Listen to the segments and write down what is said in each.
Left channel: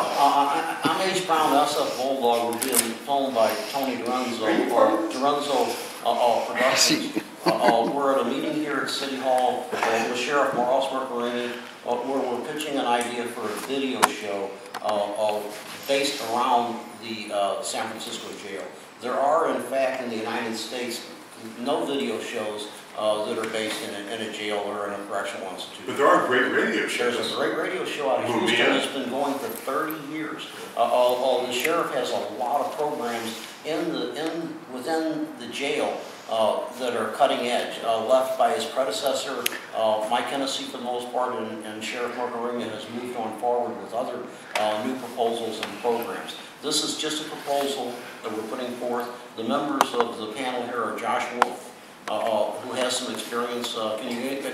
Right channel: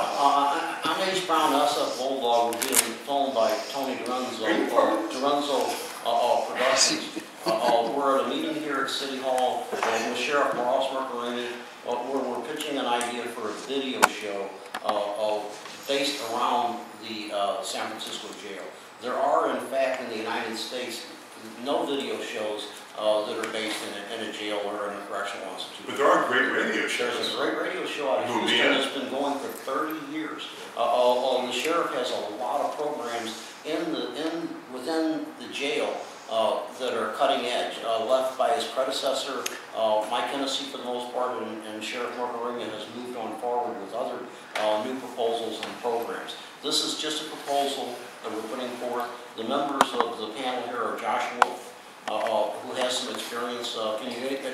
I'm H. Brown, SF Bulldog. We're being filmed by Tony De Renzo, Productions. We're at a meeting here at City Hall with Sheriff Mirkarimi, where we're pitching an idea for a video show based around the San Francisco jail. There are, in fact, in the United States, no video shows that are based in a jail or in a correctional institution. But there are great radio shows. There's a great radio show out of Houston that's been going for 30 years. The sheriff has a lot of programs within the jail that are cutting edge, left by his predecessor, Mike Hennessy for the most part, and Sheriff Mirkarimi has moved on forward with other new proposals and programs. This is just a proposal that we're putting forth. The members of the panel here are Josh Wolf, who has some experience. Have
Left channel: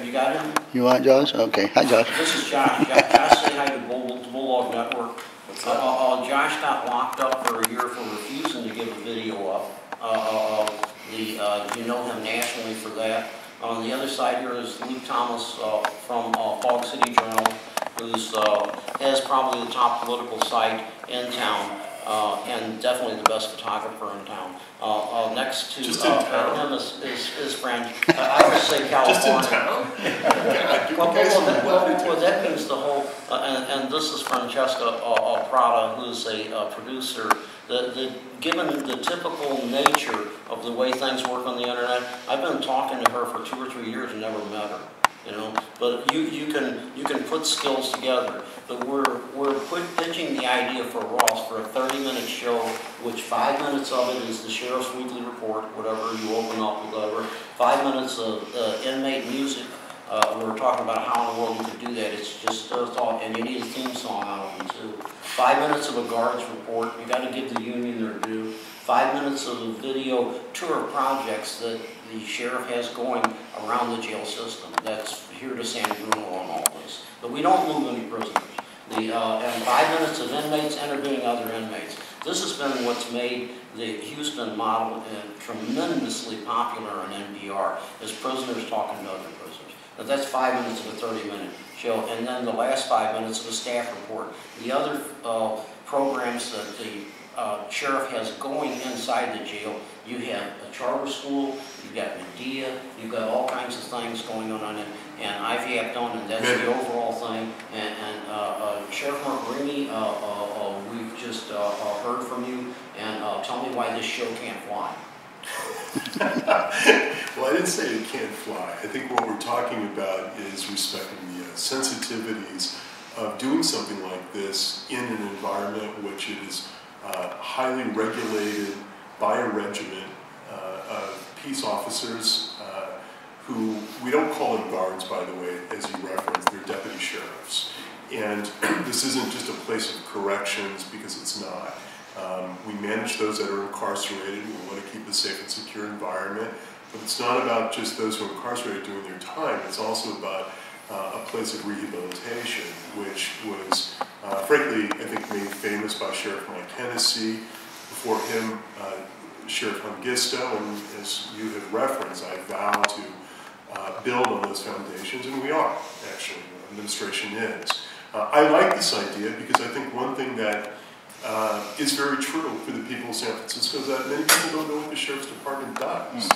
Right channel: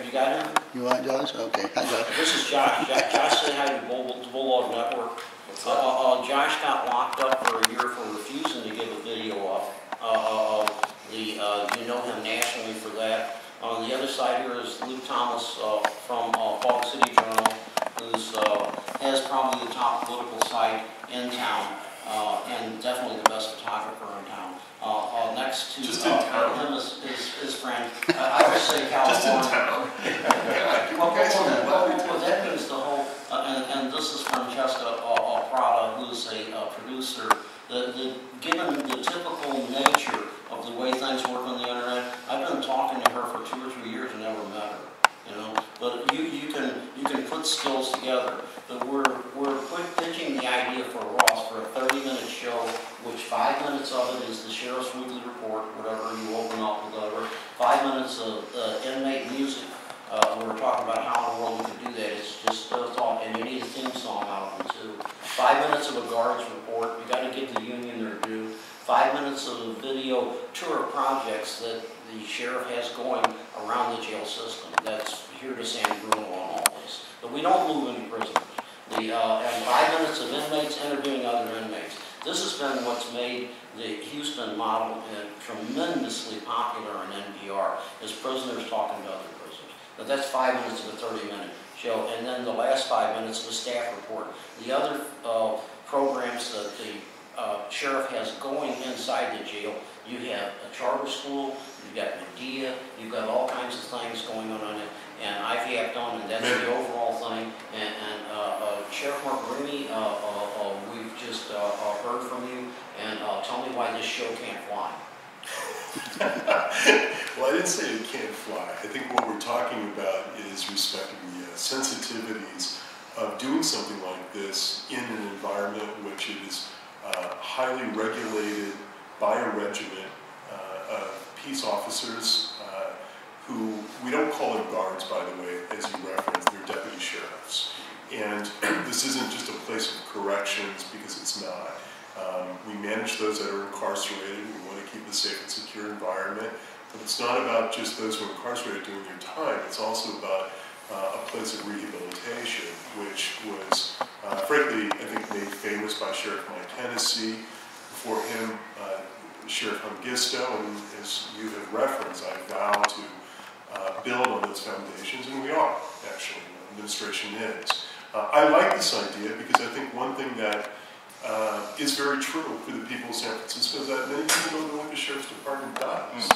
you got him? You want Josh? Okay. Hi, Josh. This is Josh. Josh, say hi to Bulldog Network. What's up? Josh got locked up for a year for refusing to give a video up. You know him nationally for that. On the other side here is Luke Thomas from Fog City Journal, who has probably the top political site in town. And definitely the best photographer in town. Next to him is friend. I would say California. Just in town? Well, that means the whole, and this is Francesca Prada, who's a producer. Given the typical nature of the way things work on the internet, I've been talking to her for 2 or 3 years and never met her. You know, but you can put skills together. But we're pitching the idea for Ross for a 30-minute show, which 5 minutes of it is the sheriff's weekly report, whatever you open up with whatever. 5 minutes of inmate music. We're talking about how in the world you could do that. It's just a thought, and you need a theme song out of them too. 5 minutes of a guard's report. You got to give the union their due. 5 minutes of a video tour of projects that the sheriff has going around the jail system. That's here to San Bruno on all this. But we don't move any prisoners. And 5 minutes of inmates interviewing other inmates. This has been what's made the Houston model tremendously popular on NPR, is prisoners talking to other prisoners. Now that's 5 minutes of a 30-minute show, and then the last 5 minutes of a staff report. The other programs that the sheriff has going inside the jail, you have a charter school, you've got Medea, you've got all kinds of things going on it, and I've yapped on, and that's the overall thing. And Sheriff Mirkarimi, we've just heard from you, and tell me why this show can't fly. Well, I didn't say it can't fly. I think what we're talking about is respecting the sensitivities of doing something like this in an environment which it is highly regulated by a regiment of peace officers who, we don't call them guards, by the way, as you referenced, they're deputy sheriffs. And this isn't just a place of corrections, because it's not. We manage those that are incarcerated. We want to keep a safe and secure environment. But it's not about just those who are incarcerated doing their time. It's also about a place of rehabilitation, which was, frankly, I think made famous by Sheriff Mike Hennessy. Before him, Sheriff Hungisto, and as you have referenced, I vow to build on those foundations, and we are, actually, the administration is. I like this idea because I think one thing that is very true for the people of San Francisco is that many people don't know what the Sheriff's Department does.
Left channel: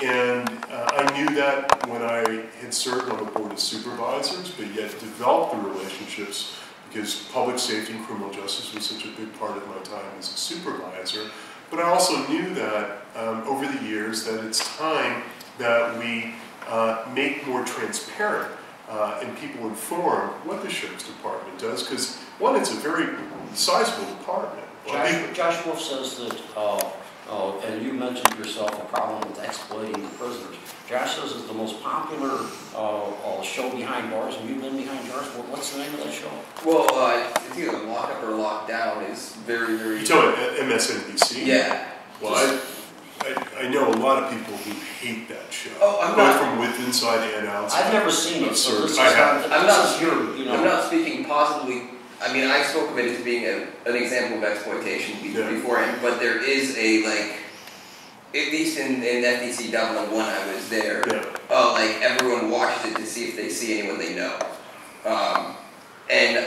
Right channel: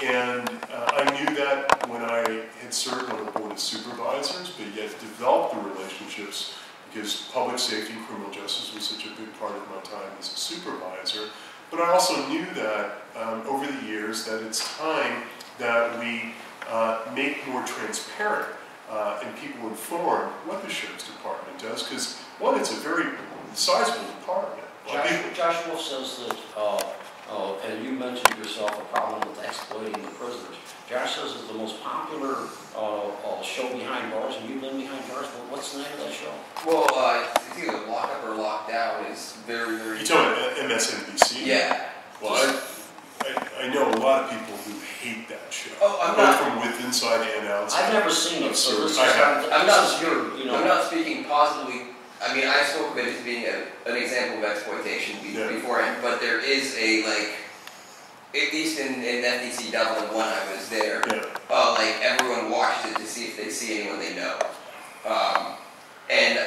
And I knew that when I had served on the Board of Supervisors, but yet developed the relationships because public safety and criminal justice was such a big part of my time as a supervisor. But I also knew that over the years that it's time that we make more transparent and people inform what the Sheriff's Department does, because one, it's a very sizable department. Josh Wolf says that, and you mentioned yourself a problem with exploiting the prisoners. Josh says it's the most popular show behind bars, and you've been behind bars. What's the name of that show? Well, it's either Lock Up or Lock Down. Is very, very. You're talking about MSNBC? Yeah. Well, I know a lot of people who hate that show. Oh, I'm not from with inside and outside. I've never seen it, so this is I'm not not speaking positively. I mean, I spoke of it as being an example of exploitation beforehand, but there is a, like, at least in FDC Dublin when I was there, like, everyone watches it to see if they see anyone they know. And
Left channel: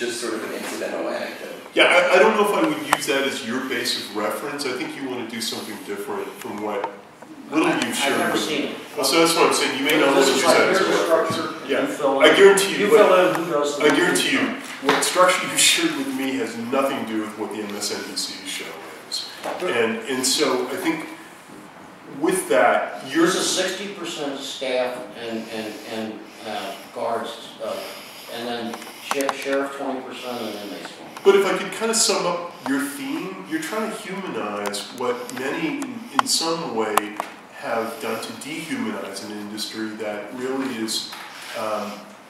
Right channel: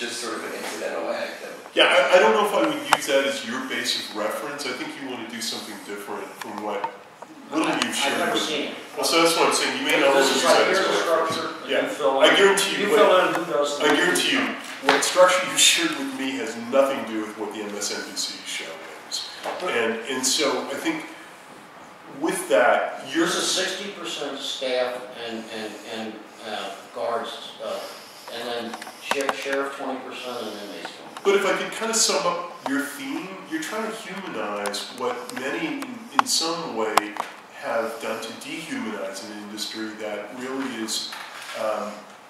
just sort of an incidental anecdote. Yeah, I don't know if I would use that as your base of reference. I think you want to do something different from what little you've shared. I've never with seen me. it. Well, so that's what I'm saying. You may not want to use that as a reference. Yeah, I guarantee you. You fill in who does the. I guarantee you, what structure you shared with me has nothing to do with what the MSNBC show is. And so I think with that, Yours is 60% staff and guards, and then sheriff 20% and inmates 20%. But if I could kind of sum up your theme, you're trying to humanize what many in some way have done to dehumanize an industry that really is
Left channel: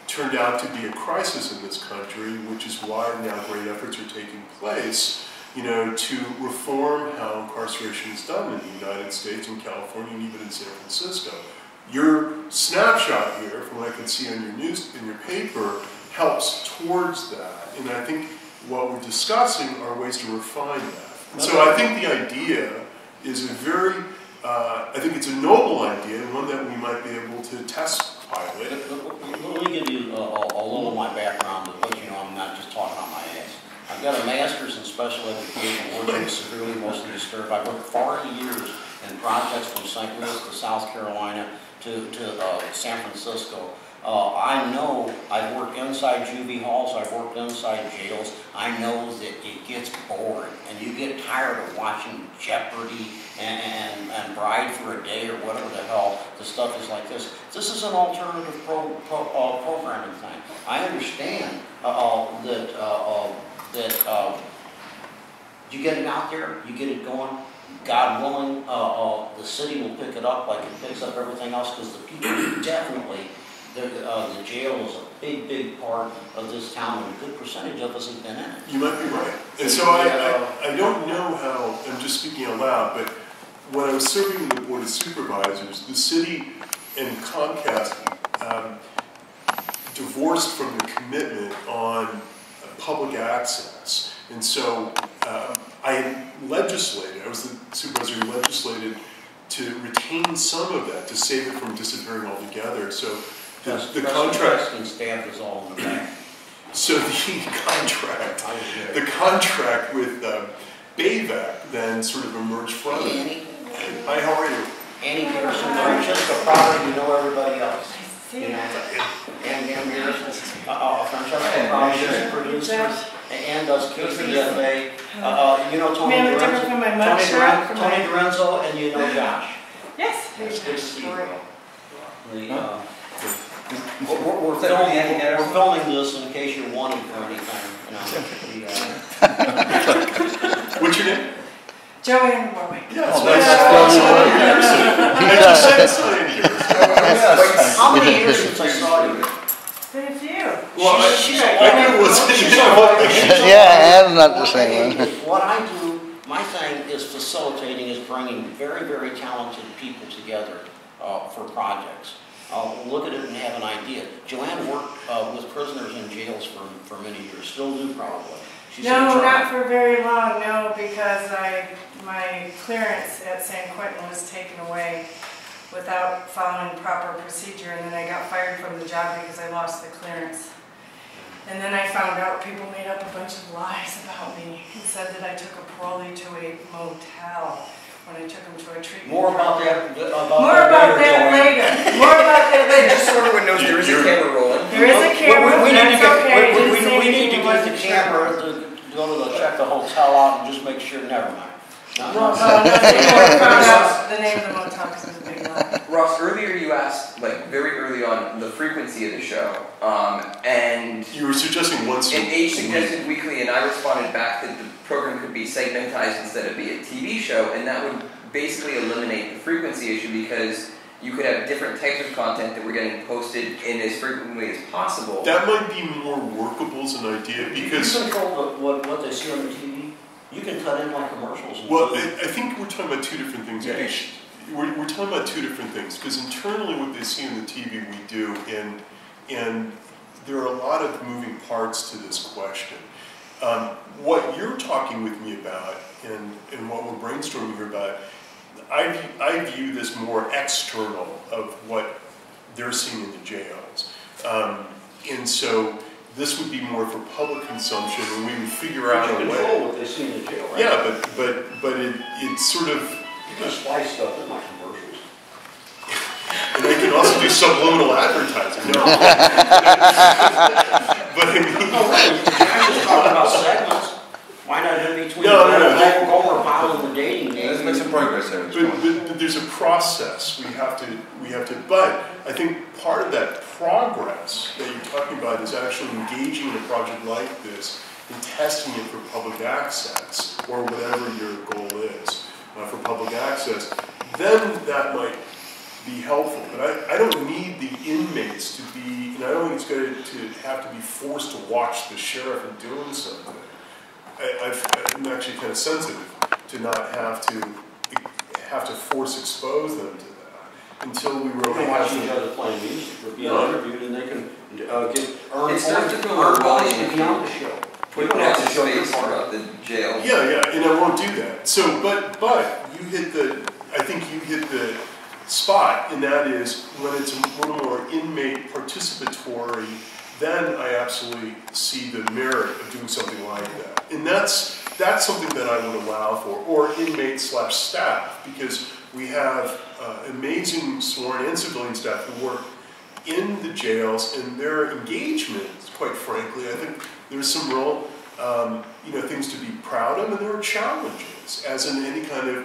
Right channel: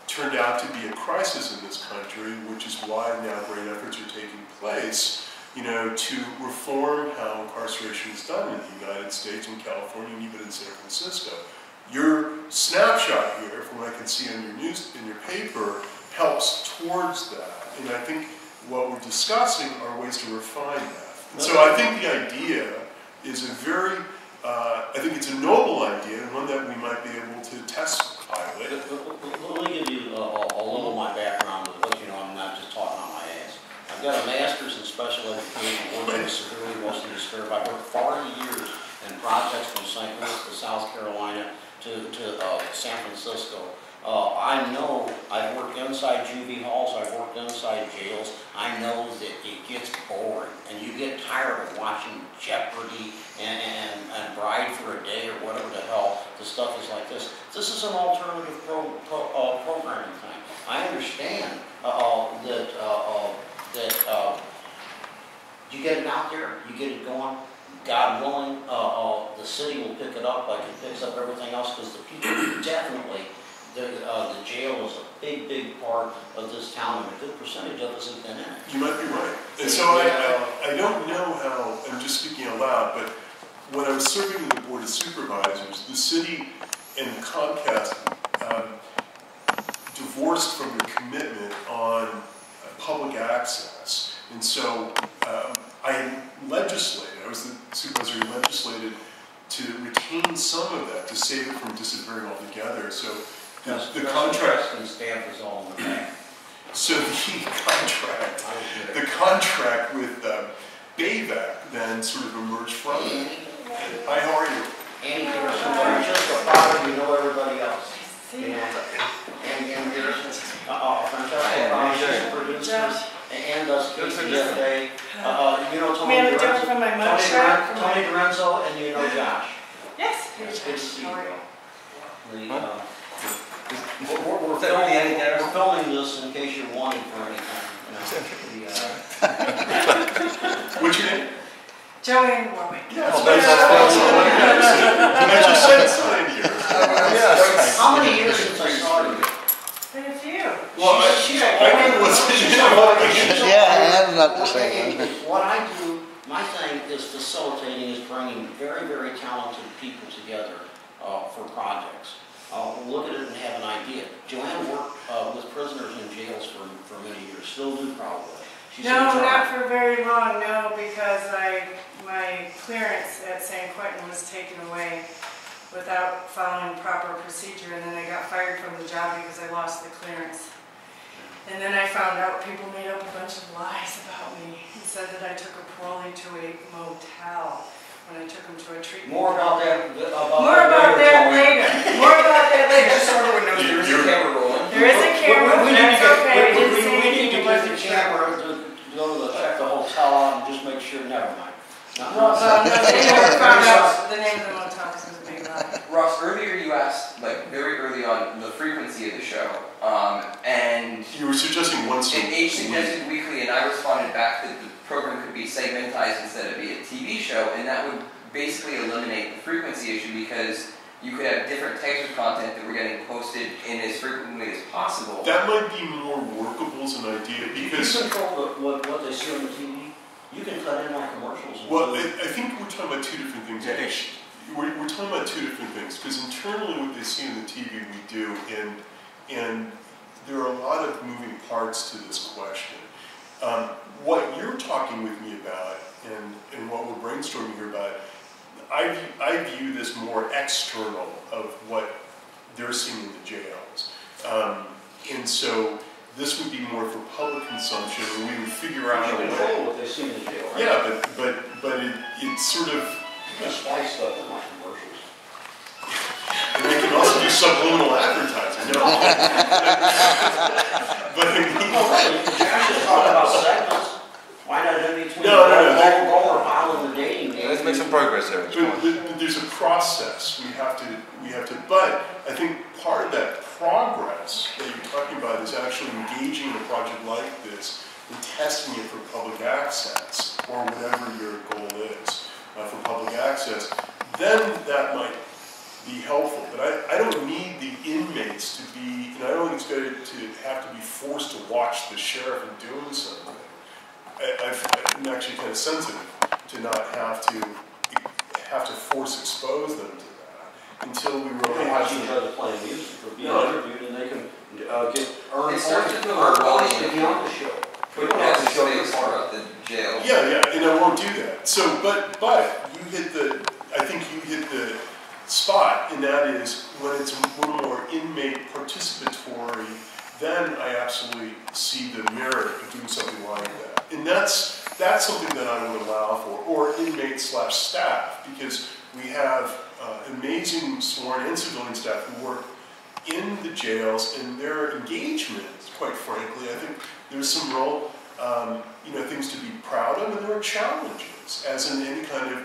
turned out to be a crisis in this country, which is why now great efforts are taking place, you know, to reform how incarceration is done in the United States, in California, and even in San Francisco. Your snapshot here, from what I can see on your in your paper, helps towards that. And I think what we're discussing are ways to refine that. And so I think the idea is a very, I think it's a noble idea, and one that we might be able to test pilot. Let me give you a little of my background to let you know I'm not just talking on my ass. I've got a master's in special education, working with severely emotionally disturbed. I've worked 40 years in projects from St. Louis to South Carolina to San Francisco. I know, I've worked inside juvie halls, I've worked inside jails. I know that it gets boring and you get tired of watching Jeopardy and Bride for a Day or whatever the hell the stuff is like this. This is an alternative programming thing. I understand that you get it out there, you get it going. God willing, the city will pick it up like it picks up everything else, because the people definitely, the jail is a big, big part of this town, and a good percentage of us have been in it. You might be right. And so I don't know how, I'm just speaking out loud, but when I was serving in the Board of Supervisors, the city and Comcast divorced from their commitment on public access. And so I legislated, I was the supervisor who legislated to retain some of that, to save it from disappearing altogether. So the contract and staff is all in the back. So the contract with Bayvac then sort of emerged from it. Hi, how are you? Annie Garrison, Francesca Prada, you know everybody else. You know, Annie Garrison, Francesca Prada, she's a producer and does KPFA. You know Tony De Renzo, Tony De Renzo, and you know Josh. Yes. It's good to see you, bro. We're filming this in case you're wanting for anything. You know, What's your name? Joanne Warwick. Yes. I just said it's how many years since I saw you? Been a few. Well, I knew it wasn't. Yeah, I'm not the same. What I do, my thing is facilitating, is bringing very, very talented people together for projects. Look at it and have an idea. Joanne worked with prisoners in jails for many years, still do probably. She's no, not for very long, no, because my clearance at San Quentin was taken away without following proper procedure, and then I got fired from the job because I lost the clearance. And then I found out people made up a bunch of lies about me and said that I took a parolee to a motel when I took him to a treatment. More about that later. later. More about that later. Just so everyone knows, there is a camera rolling. There is a camera. We need to okay. get the camera to go to check the hotel out and just make sure. Never mind. Ross, they never found out the name of the motel because it was a big lie. Ross, earlier you asked, like very early on, the frequency of the show, and you were suggesting once a week. And H suggested weekly, and I responded back that the program could be segmentized instead of be a TV show, and that would basically eliminate the frequency issue, because you could have different types of content that were getting posted in as frequently as possible. That might be more workable as an idea, because you control what they see on the TV. You can cut in like commercials. Well, I think we're talking about two different things. Yeah. We're talking about two different things, because internally what they see on the TV we do, and there are a lot of moving parts to this question. What you're talking with me about, and what we're brainstorming here about, I view this more external of what they're seeing in the jails. And so this would be more for public consumption, and we would figure out a way. Control what they see in the jail, right? Yeah, but it's sort of. You can splice stuff in my commercials. And I can also do subliminal advertising. No. But I mean, oh, right. Josh is talking about segments. Why not in between? No. Gomer Pyle and the dating game. Let's make some progress there. But there's a process we have to. But I think part of that progress that you're talking about is actually engaging in a project like this and testing it for public access or whatever your goal is for public access. Then that might be helpful. But I don't need the inmates to be, and I don't think it's good to have to be forced to watch the sheriff in doing something. I'm actually kind of sensitive to not have to force expose them to that until we really watch each other playing music or being interviewed, and they can earn points to be on the show. We don't have to show your part of the jail. Yeah, and I won't do that. So, but you hit I think you hit the spot, and that is when it's a little more inmate participatory. Then I absolutely see the merit of doing something like that. And that's something that I would allow for, or inmate/staff, because we have amazing sworn and civilian staff who work in the jails, and their engagement, quite frankly, I think there's some real things to be proud of, and there are challenges, as in any kind of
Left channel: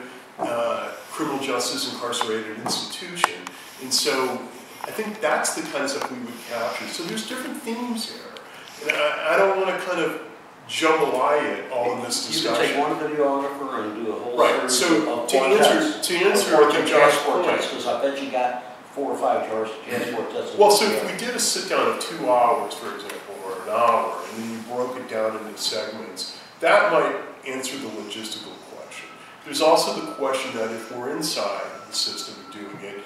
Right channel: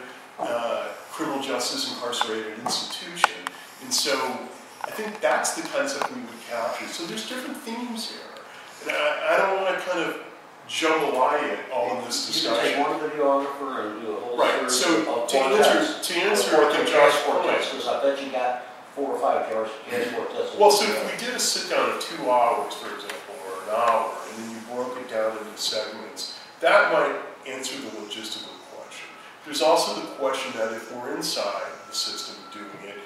criminal justice incarcerated institution. And so I think that's the kind of stuff we would capture. So there's different themes here. And I don't want to kind of jambalaya it all in this discussion. You can take one videographer and do a whole series of to answer I think Josh's point. Because I bet you got 4 or 5 jazz quartets. Well, so if we did a sit down of 2 hours, for example, or an hour, and then you broke it down into segments, that might answer the logistical question. There's also the question that if we're inside the system doing it,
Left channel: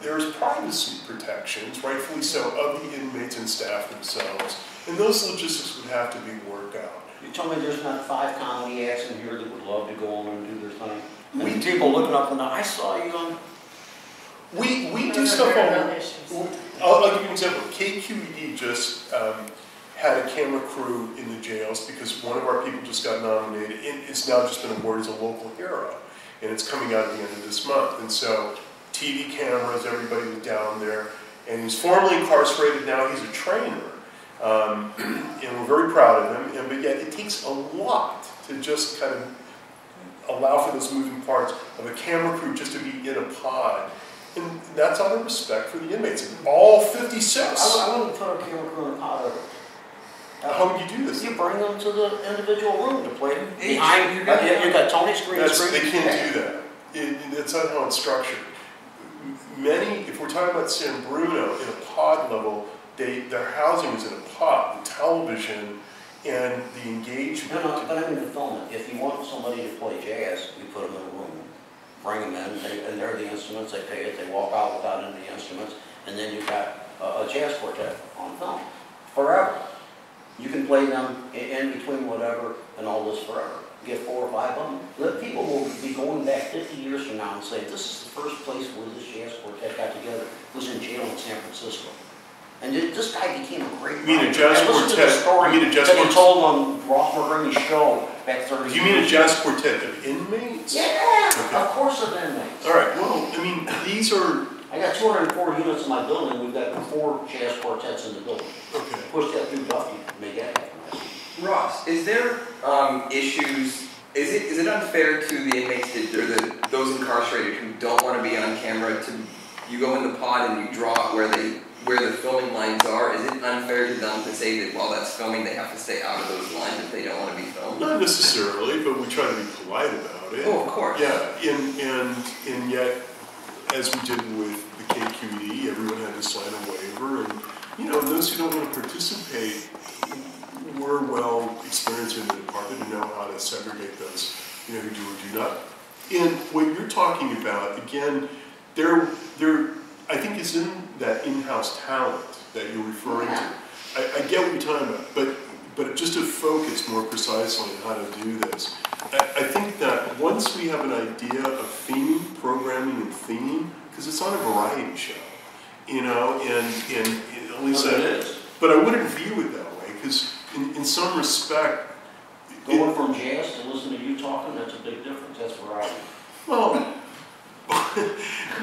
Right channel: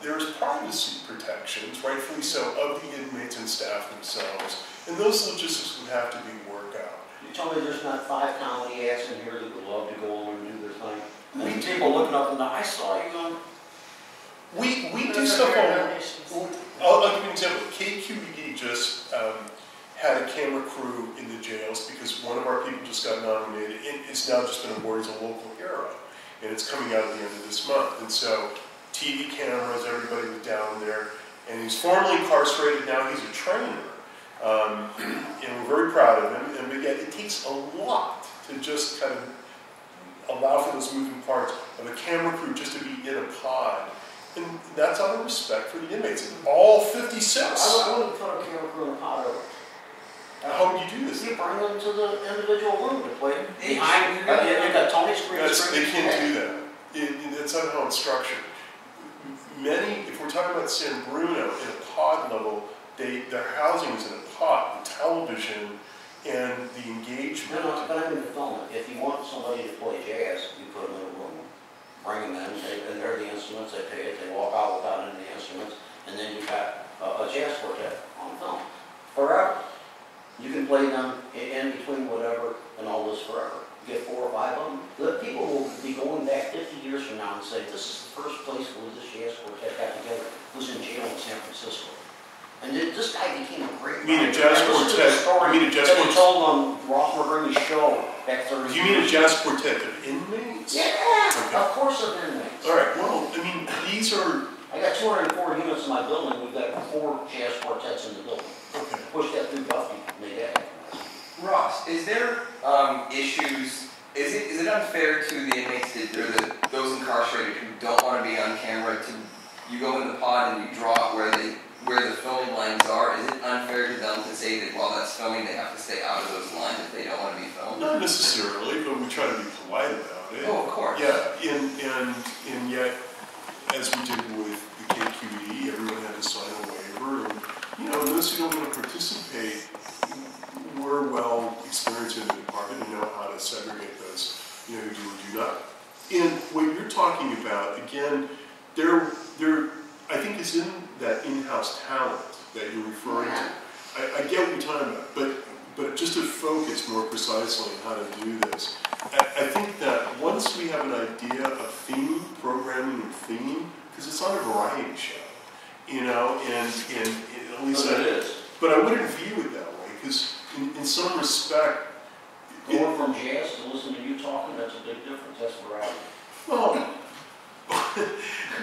there's privacy protections, rightfully so, of the inmates and staff themselves, and those logistics would have to be worked out. You told me there's not 5 comedy acts in here that would love to go on and do their thing. And people looking up and I saw you on. We do stuff on. I'll give you an example. KQED just had a camera crew in the jails because one of our people just got nominated. It's now just been awarded as a local hero, and it's coming out at the end of this month. And so TV cameras, everybody was down there, and he's formerly incarcerated. Now he's a trainer, and we're very proud of him. But yet it takes a lot to just kind of allow for those moving parts of a camera crew just to be in a pod. And that's out of respect for the inmates. All 56. I wouldn't put a camera crew in a pod over. How would you do this? You bring them to the individual room to play them. Behind you got Tony screen. They can't do that. That's not how it's structured. Many, if we're talking about San Bruno, in a pod level, their housing is in a pod. The television and the engagement. No, but I mean to film it. If you want somebody to play jazz, you put them in a room. Bring them in, and they're the instruments, they pay it, they walk out without any instruments, and then you've got a jazz quartet on film. Forever. You can play them in between whatever and all this forever. Get 4 or 5 of them. The people will be going back 50 years from now and say, this is the first place where this jazz quartet got together. It was in jail in San Francisco. And this guy became a great writer. You mean a jazz quartet? You mean a jazz quartet? He told on Ross Mirkarimi's show back 30 years. You mean a jazz quartet of inmates? Yeah, okay. Of course of inmates. All right, well, I mean, these are... I got 204 units in my building. We've got 4 jazz quartets in the building. Okay. Push that through Duffy, make that happen. Ross, is there issues... Is it unfair to the inmates or those incarcerated who don't want to be on camera to... You go in the pod and you draw where the filming lines are? Is it unfair to them to say that while that's filming, they have to stay out of those lines if they don't want to be filmed? Not necessarily, but we try to be polite about it. Oh, of course. Yeah, and yet, as we did with the KQED, everyone had to sign a waiver, and those who don't want to participate, we're well experienced in the department and know how to segregate those, who do or do not. And what you're talking about, again, there. I think is in that in-house talent that you're referring to. I get what you're talking about, but just to focus more precisely on how to do this, I think that once we have an idea of theme, programming and theme, because it's not a variety show, and at least it is. But I wouldn't view it that way, because in some respect... Going from jazz to listening to you talking, that's a big difference. That's variety. Well,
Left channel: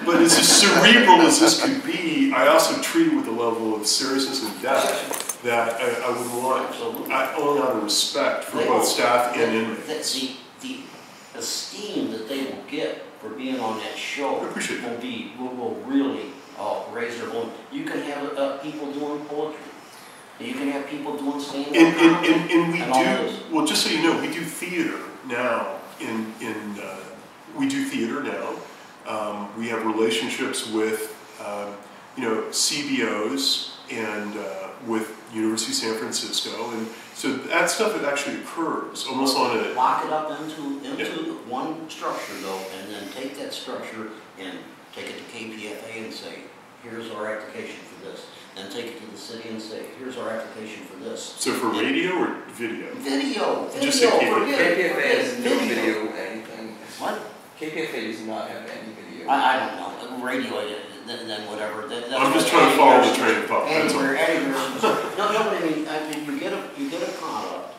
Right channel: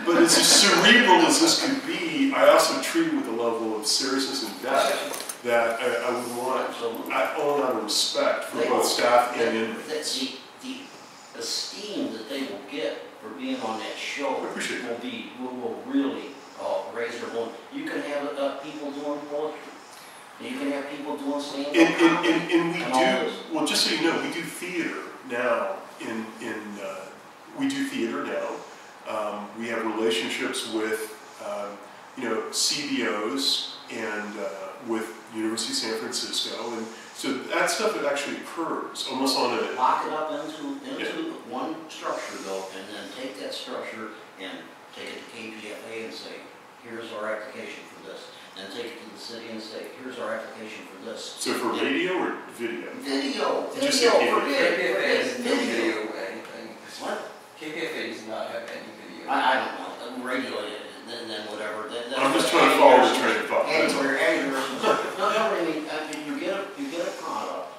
but as cerebral as this could be, I also treat it with a level of seriousness and depth that I would want, only out of respect for both staff and inmates. The esteem that they will get for being on that show will really raise their voice. You can have people doing poetry. You can have people doing stand-up comedy. And we do, well, just so you know, we do theater now. We do theater now. We have relationships with, CBOs and with University of San Francisco, and so that stuff it actually occurs almost on a... Lock it up into one structure though, and then take that structure and take it to KPFA and say, here's our application for this. Then take it to the city and say, here's our application for this. So for radio or video? Video. Just say KPFA doesn't do video anything. What? KPFA does not have any video. I don't know. Radio, then whatever. I'm just trying to follow the train of thought. No, but I mean, you get a product,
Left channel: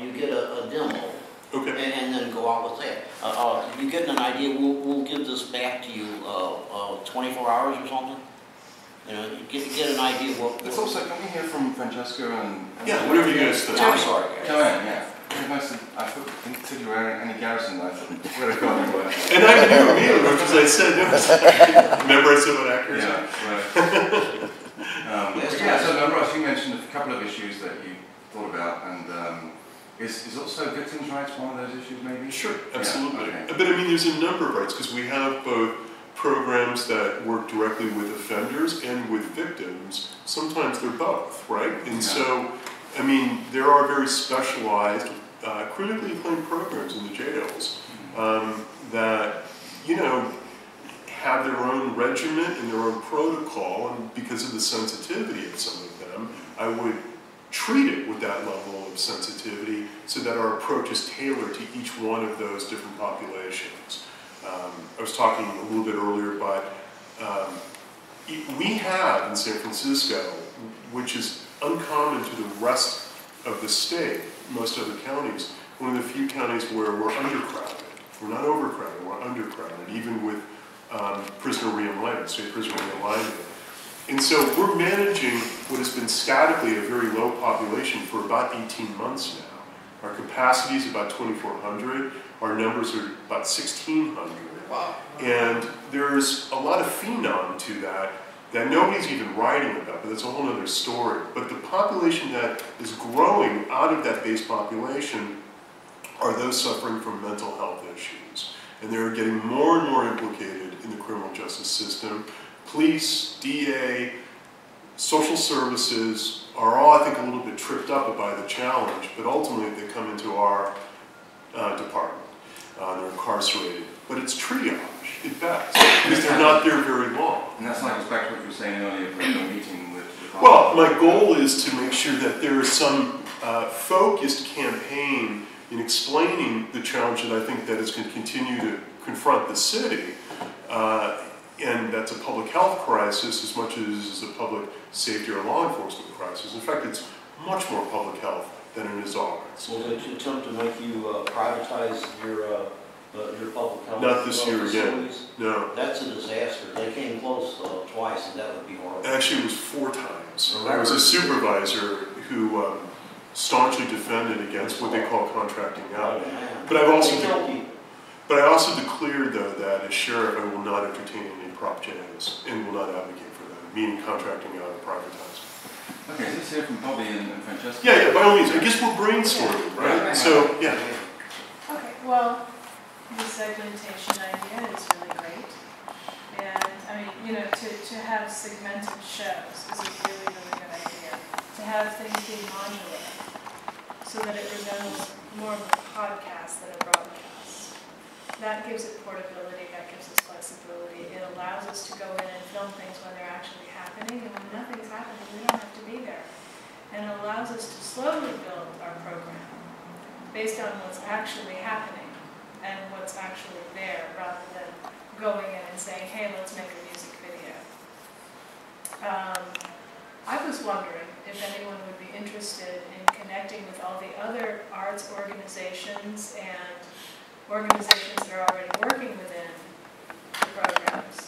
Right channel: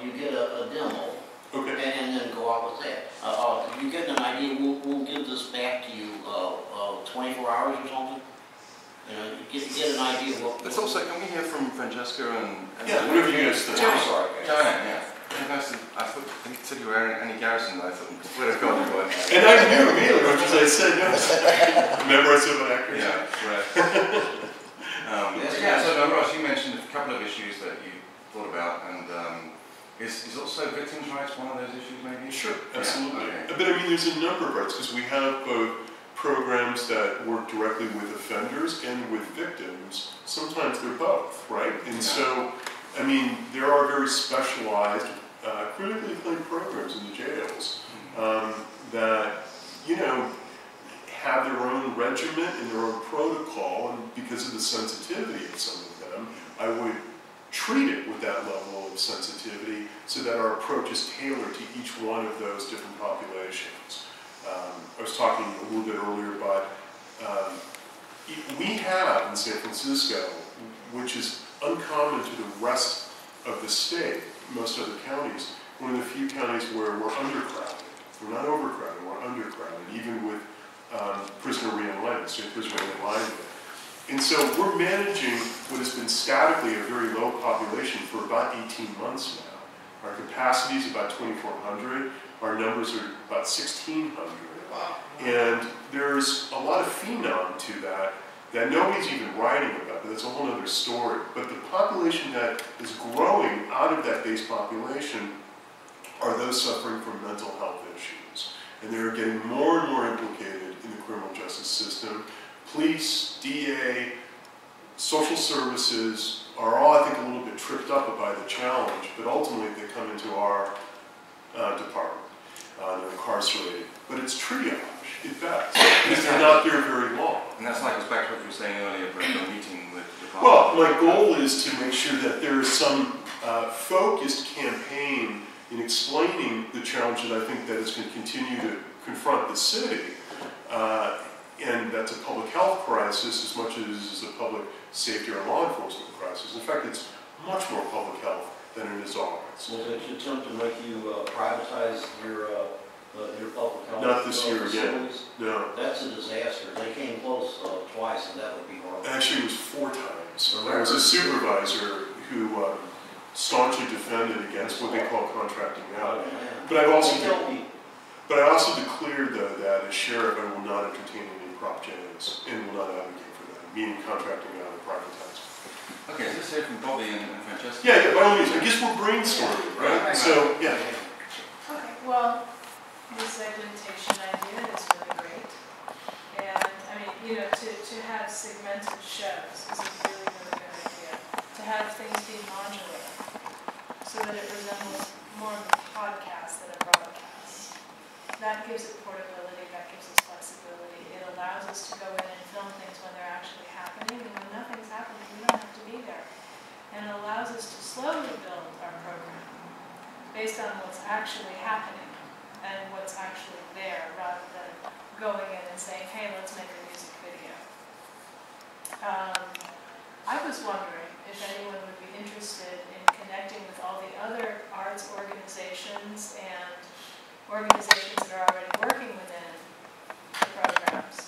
you get a demo, okay, and then go out with that. You get an idea. We'll give this back to you 24 hours or something. You know, get an idea of what... But also, can we hear from Francesca and yeah, whatever you guys think. I'm sorry, guys. Joanne, yeah. I thought, until you were any Garrison, I thought, where to go? And I knew immediately, which is I said, no. Remember I said what actors are? Yeah, so Ross, you mentioned a couple of issues that you thought about, and is also victims' rights one of those issues, maybe? Sure, absolutely. Yeah, okay. But I mean, there's a number of rights, because we have both programs that work directly with offenders and with victims. Sometimes they're both, right? And so, I mean, there are very specialized, critically acclaimed programs in the jails that, have their own regimen and their own protocol, and because of the sensitivity of some of them, I would treat it with that level of sensitivity so that our approach is tailored to each one of those different populations. I was talking a little bit earlier about, we have in San Francisco, which is uncommon to the rest of the state, most other counties, one of the few counties where we're undercrowded. We're not overcrowded, we're undercrowded, even with prisoner realignment, state prisoner realignment. And so we're managing what has been statically a very low population for about 18 months now. Our capacity is about 2,400. Our numbers are about 1,600. Wow. And there's a lot of phenom to that nobody's even writing about, but that's a whole other story. But the population that is growing out of that base population are those suffering from mental health issues. And they're getting more and more implicated in the criminal justice system. Police, DA, social services are all, I think, a little bit tripped up by the challenge, but ultimately they come into our department. They're incarcerated. But it's triage at best, because they're not there very long. And that's like back to what you were saying earlier about the meeting with well, my goal is to make sure that there is some focused campaign in explaining the challenge that I think that is going to continue to confront the city. And that's a public health crisis as much as it is a public safety or law enforcement crisis. In fact, it's much more public health than it is arts. Will they attempt to make you privatize your public health? Not this year facilities? again. No. That's a disaster. They came close twice, and that would be horrible. Actually, it was 4 times. I was a supervisor who staunchly defended against what they call contracting out. But I also declared, though, that as sheriff, I will not entertain any prop Js and will not advocate for that, meaning contracting out or privatizing. Okay, so let's hear from Bobby and Francesca. Yeah, by all means. I guess we're brainstorming, right? So, yeah. Okay, well, the segmentation idea is really great. And, I mean, to have segmented shows is a really, really good idea. To have things be modular so that it resembles more of a podcast than a broadcast. That gives it portability, that gives us flexibility. It allows us to go in and film things when they're actually happening, and when nothing's happening, we don't have to be there. And it allows us to slowly build our program based on what's actually happening and what's actually there, rather than going in and saying, hey, let's make a music video. I was wondering, if anyone would be interested in connecting with all the other arts organizations and organizations that are already working within the programs,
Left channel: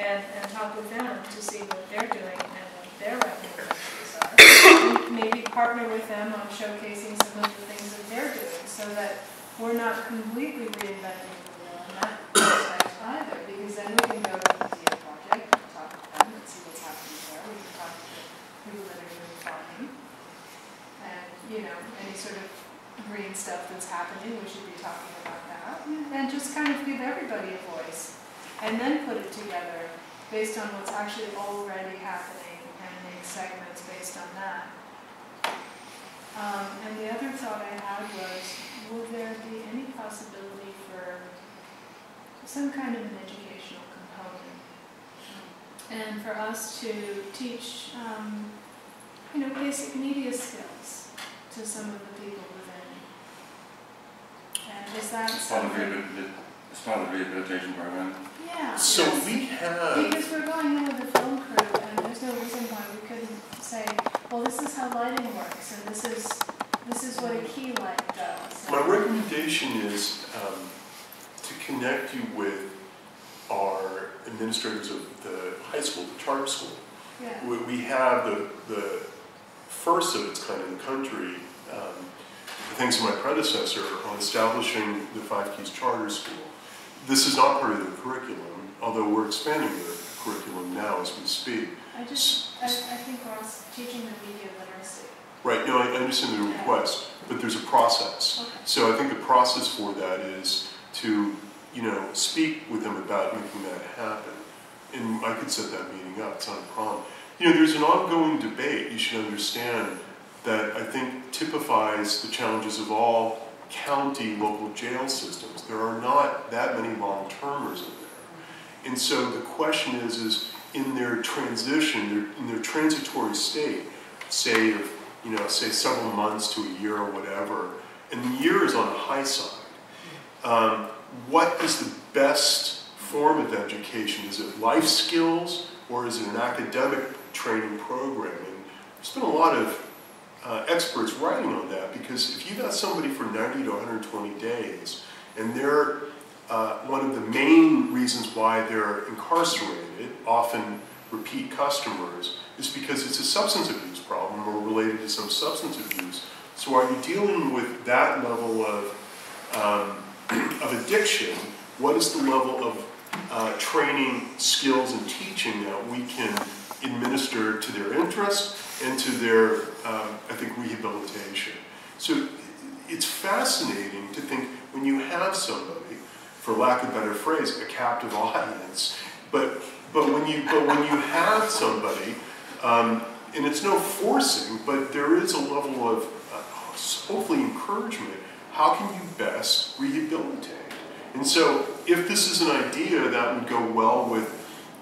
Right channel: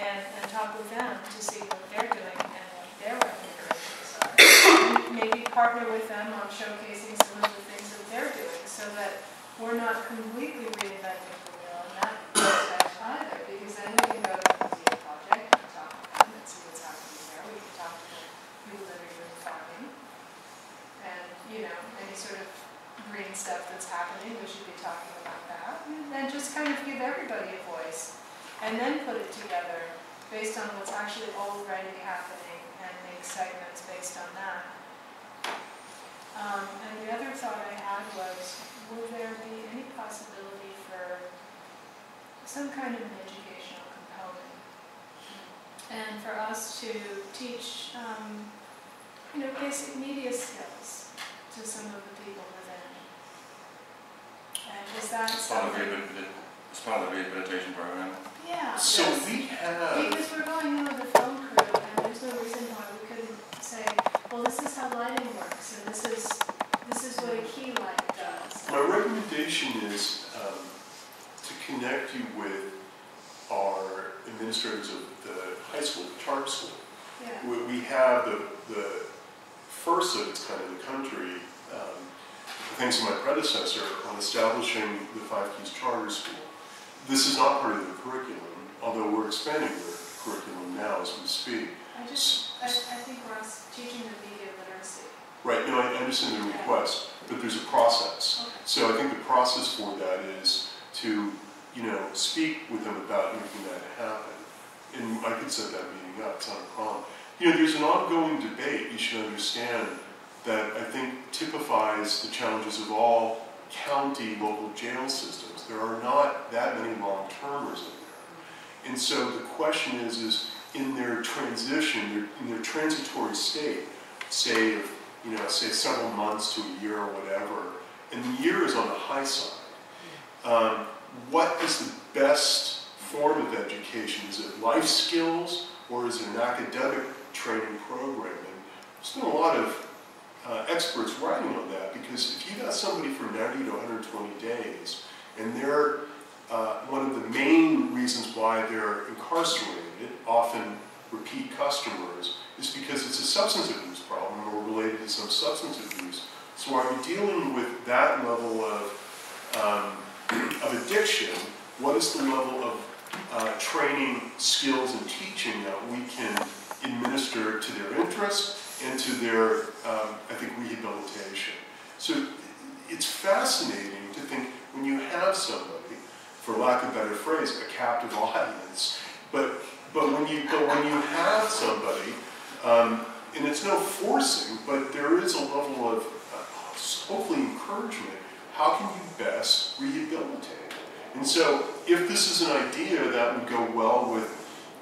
and talk with them to see what they're doing and what their recommendations are. And maybe partner with them on showcasing some of the things that they're doing so that we're not completely reinventing the wheel in that aspect either, because then we can go to the Dia Project and talk to them and see what's happening there. We can talk to the people that are doing farming and, you know, any sort of green stuff that's happening, we should be talking about that. And just kind of give everybody a voice. And then put it together based on what's actually already happening and make segments based on that. And the other thought I had was, would there be any possibility for some kind of an educational component? And for us to teach, you know, basic media skills to some of the people within. And is that something? As part of the rehabilitation program? Yeah. So yes. we have... Because we're going in with a film crew, and there's no reason why we couldn't say, well, this is how lighting works, and this is what a key light does. My recommendation is to connect you with our administrators of the high school, the charter school. Yeah. We have the first of its kind in the country, thanks to my predecessor, on establishing the Five Keys Charter School. This is not part of the curriculum, although we're expanding the curriculum now as we speak. I think we're also teaching the media literacy. Right, no, I understand the request, but there's a process. Okay. So I think the process for that is to, you know, speak with them about making that happen. And I could set that meeting up, it's not a problem. You know, there's an ongoing debate, you should understand, that I think typifies the challenges of all county local jail systems. There are not that many long-termers in there. And so the question is in their transition, in their transitory state, say of, you know, say several months to a year or whatever, and the year is on the high side, what is the best form of education? Is it life skills or is it an academic training program? And there's been a lot of experts writing on that, because if you got somebody for 90 to 120 days, and they're one of the main reasons why they're incarcerated, often repeat customers, is because it's a substance abuse problem or related to some substance abuse. So are you dealing with that level of addiction? What is the level of training, skills, and teaching that we can administer to their interests and to their, I think, rehabilitation? So it's fascinating to think when you have somebody, for lack of a better phrase, a captive audience, but when you have somebody, and it's no forcing, but there is a level of hopefully encouragement. How can you best rehabilitate? And so, if this is an idea that would go well with,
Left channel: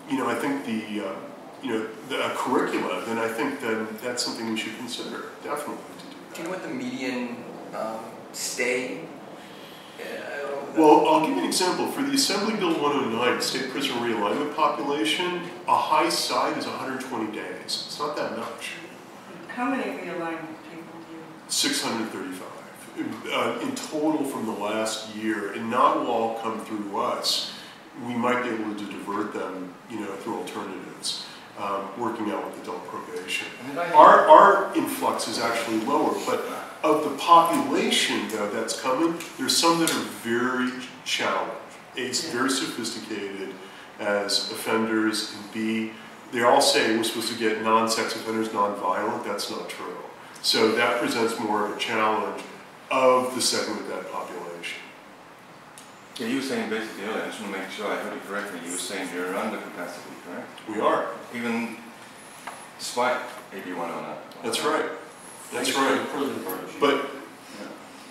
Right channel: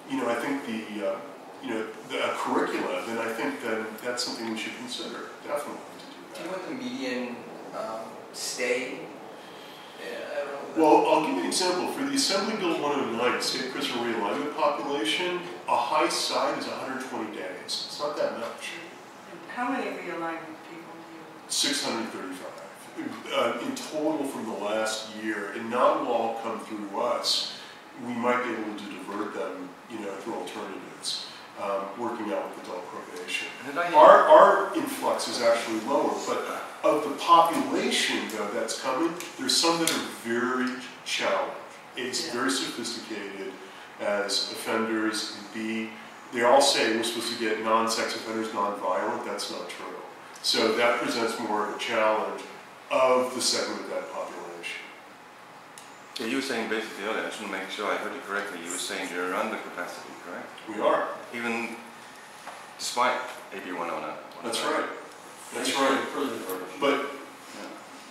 you know, I think the curricula, then I think that's something we should consider, definitely, to do that. Do you know what the median stay? Well, I'll give you an example. For the Assembly Bill 109, state prison realignment population, a high side is 120 days. It's not that much. How many realignment people do you? 635 in total from the last year, and not will all come through us. We might be able to divert them, you know, through alternatives, working out with adult probation. Our influx is actually lower, but of the population, though, that's coming, there's some that are very challenged. A, very sophisticated as offenders, and B, they all say we're supposed to get non-sex offenders non-violent. That's not true. So that presents more of a challenge of the segment of that population. Yeah, you were saying basically earlier, I just want to make sure I heard you correctly, you were saying you're under capacity, correct? We are. Even despite AB 109? That's right. That's right. But,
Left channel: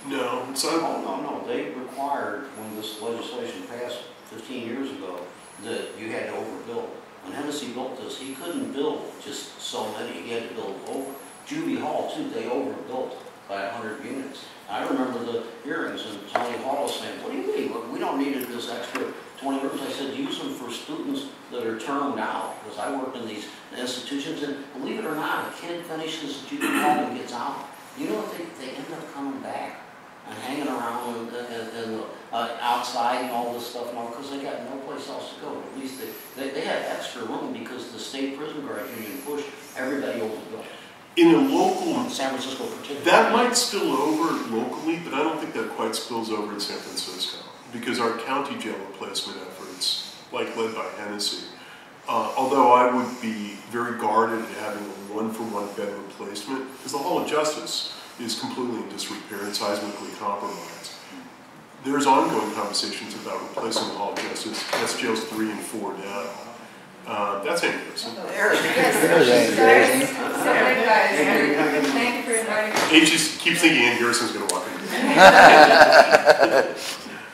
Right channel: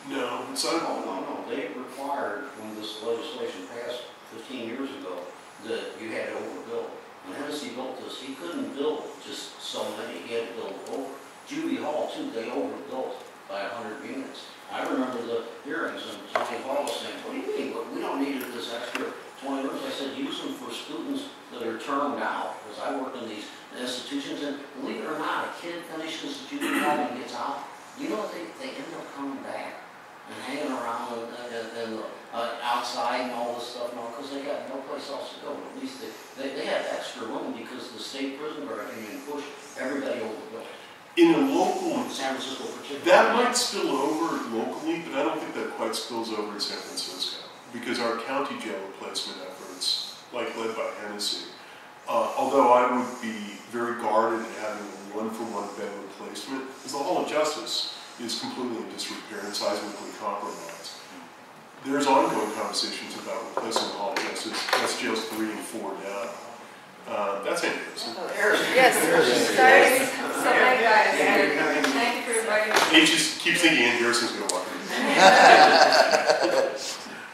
no, it's not. No. They required, when this legislation passed 15 years ago, that you had to overbuild. When Hennessy built this, he couldn't build just so many. He had to build over. Juvie Hall, too, they overbuilt by 100 units. I remember the hearings, and Tony Hall was saying, what do you mean? We don't need this extra 20 rooms. I said, use them for students that are termed out, because I worked in these institutions, and believe it or not, a kid finishes out, you know what, they end up coming back and hanging around and outside and all this stuff now because they got no place else to go. At least they have extra room because the state prison guard union pushed everybody over the bill. In a local, San Francisco particularly. that might spill over locally, but I don't think that quite spills over in San Francisco because our county jail replacement efforts, like led by Hennessy, although I would be very guarded in having a one-for-one bed replacement, because the Hall of Justice is completely in disrepair and seismically compromised. There's ongoing conversations about replacing the Hall of Justice. That's jails 3 and 4 now. That's Garrison. Yes. Sorry, guys. Thank you for inviting me. He just keeps thinking Ann Garrison's going to walk in.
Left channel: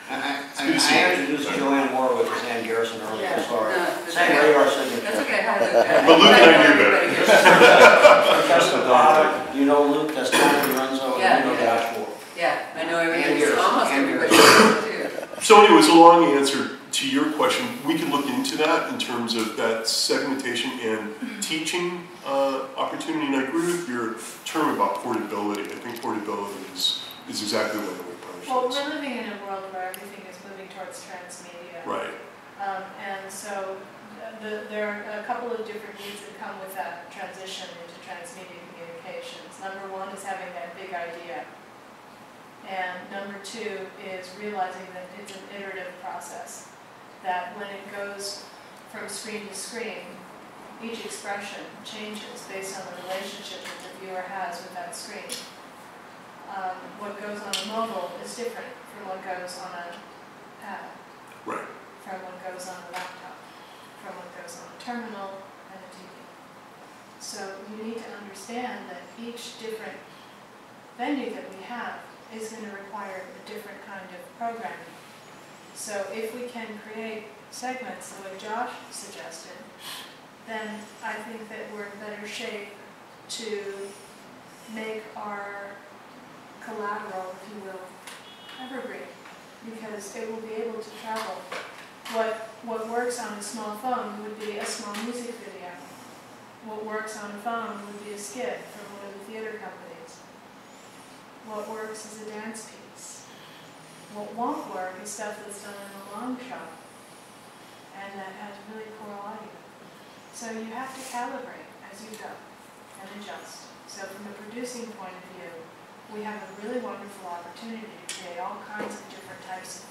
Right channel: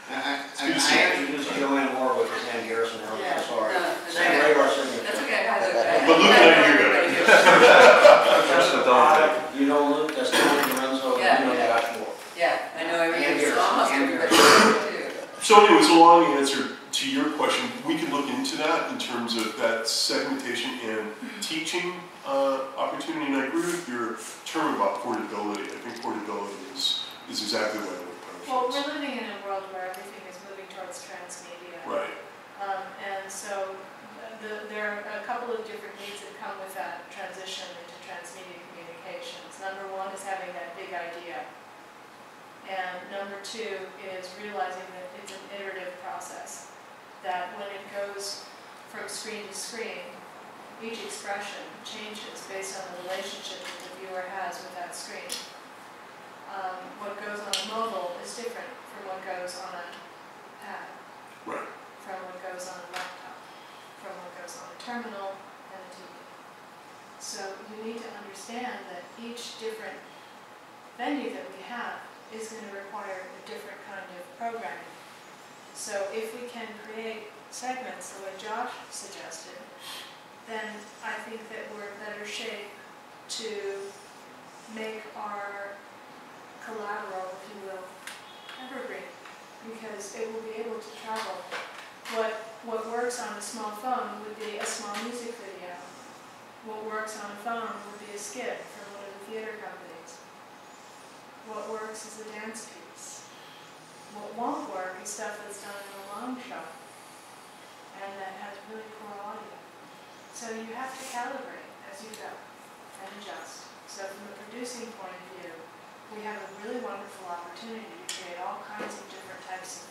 I introduced Joanne Warwick as Ann Garrison earlier. Yeah. Sorry. No, Same radar signature. That's okay. Hi, Luke. But Luke and I knew better. Francesca Prada, you know Luke, that's Tony De Renzo, Yeah, you know yeah. Josh Warwick. Yeah, I know everybody. Garrison. Almost And everybody too. So anyways, a long answer to your question. We can look into that in terms of that segmentation and teaching opportunity. And I agree with your term about portability. I think portability is exactly what I would approach. Well, we're living in a world where everything is moving towards transmedia. Right. And so there are a couple of different needs that come with that transition into transmedia communications. Number one is having that big idea. And number two is realizing that it's an iterative process. That when it goes from screen to screen, each expression changes based on the relationship that the viewer has with that screen. What goes on a mobile is different from what goes on a pad. Right. From what goes on a laptop, from what goes on a terminal and a TV. So you need to understand that each different venue that we have is going to require a different kind of programming. So if we can create segments the way Josh suggested, then I think that we're in better shape to make our collateral, if you will, evergreen, because it will be able to travel. What works on a small phone would be a small music video. What works on a phone would be a skit from one of the theater companies. What works is a dance piece. What won't work is stuff that's done in a long shot and that has really poor audio. So you have to calibrate as you go and adjust. So from a producing point of view, we have a really wonderful opportunity to create all kinds of different types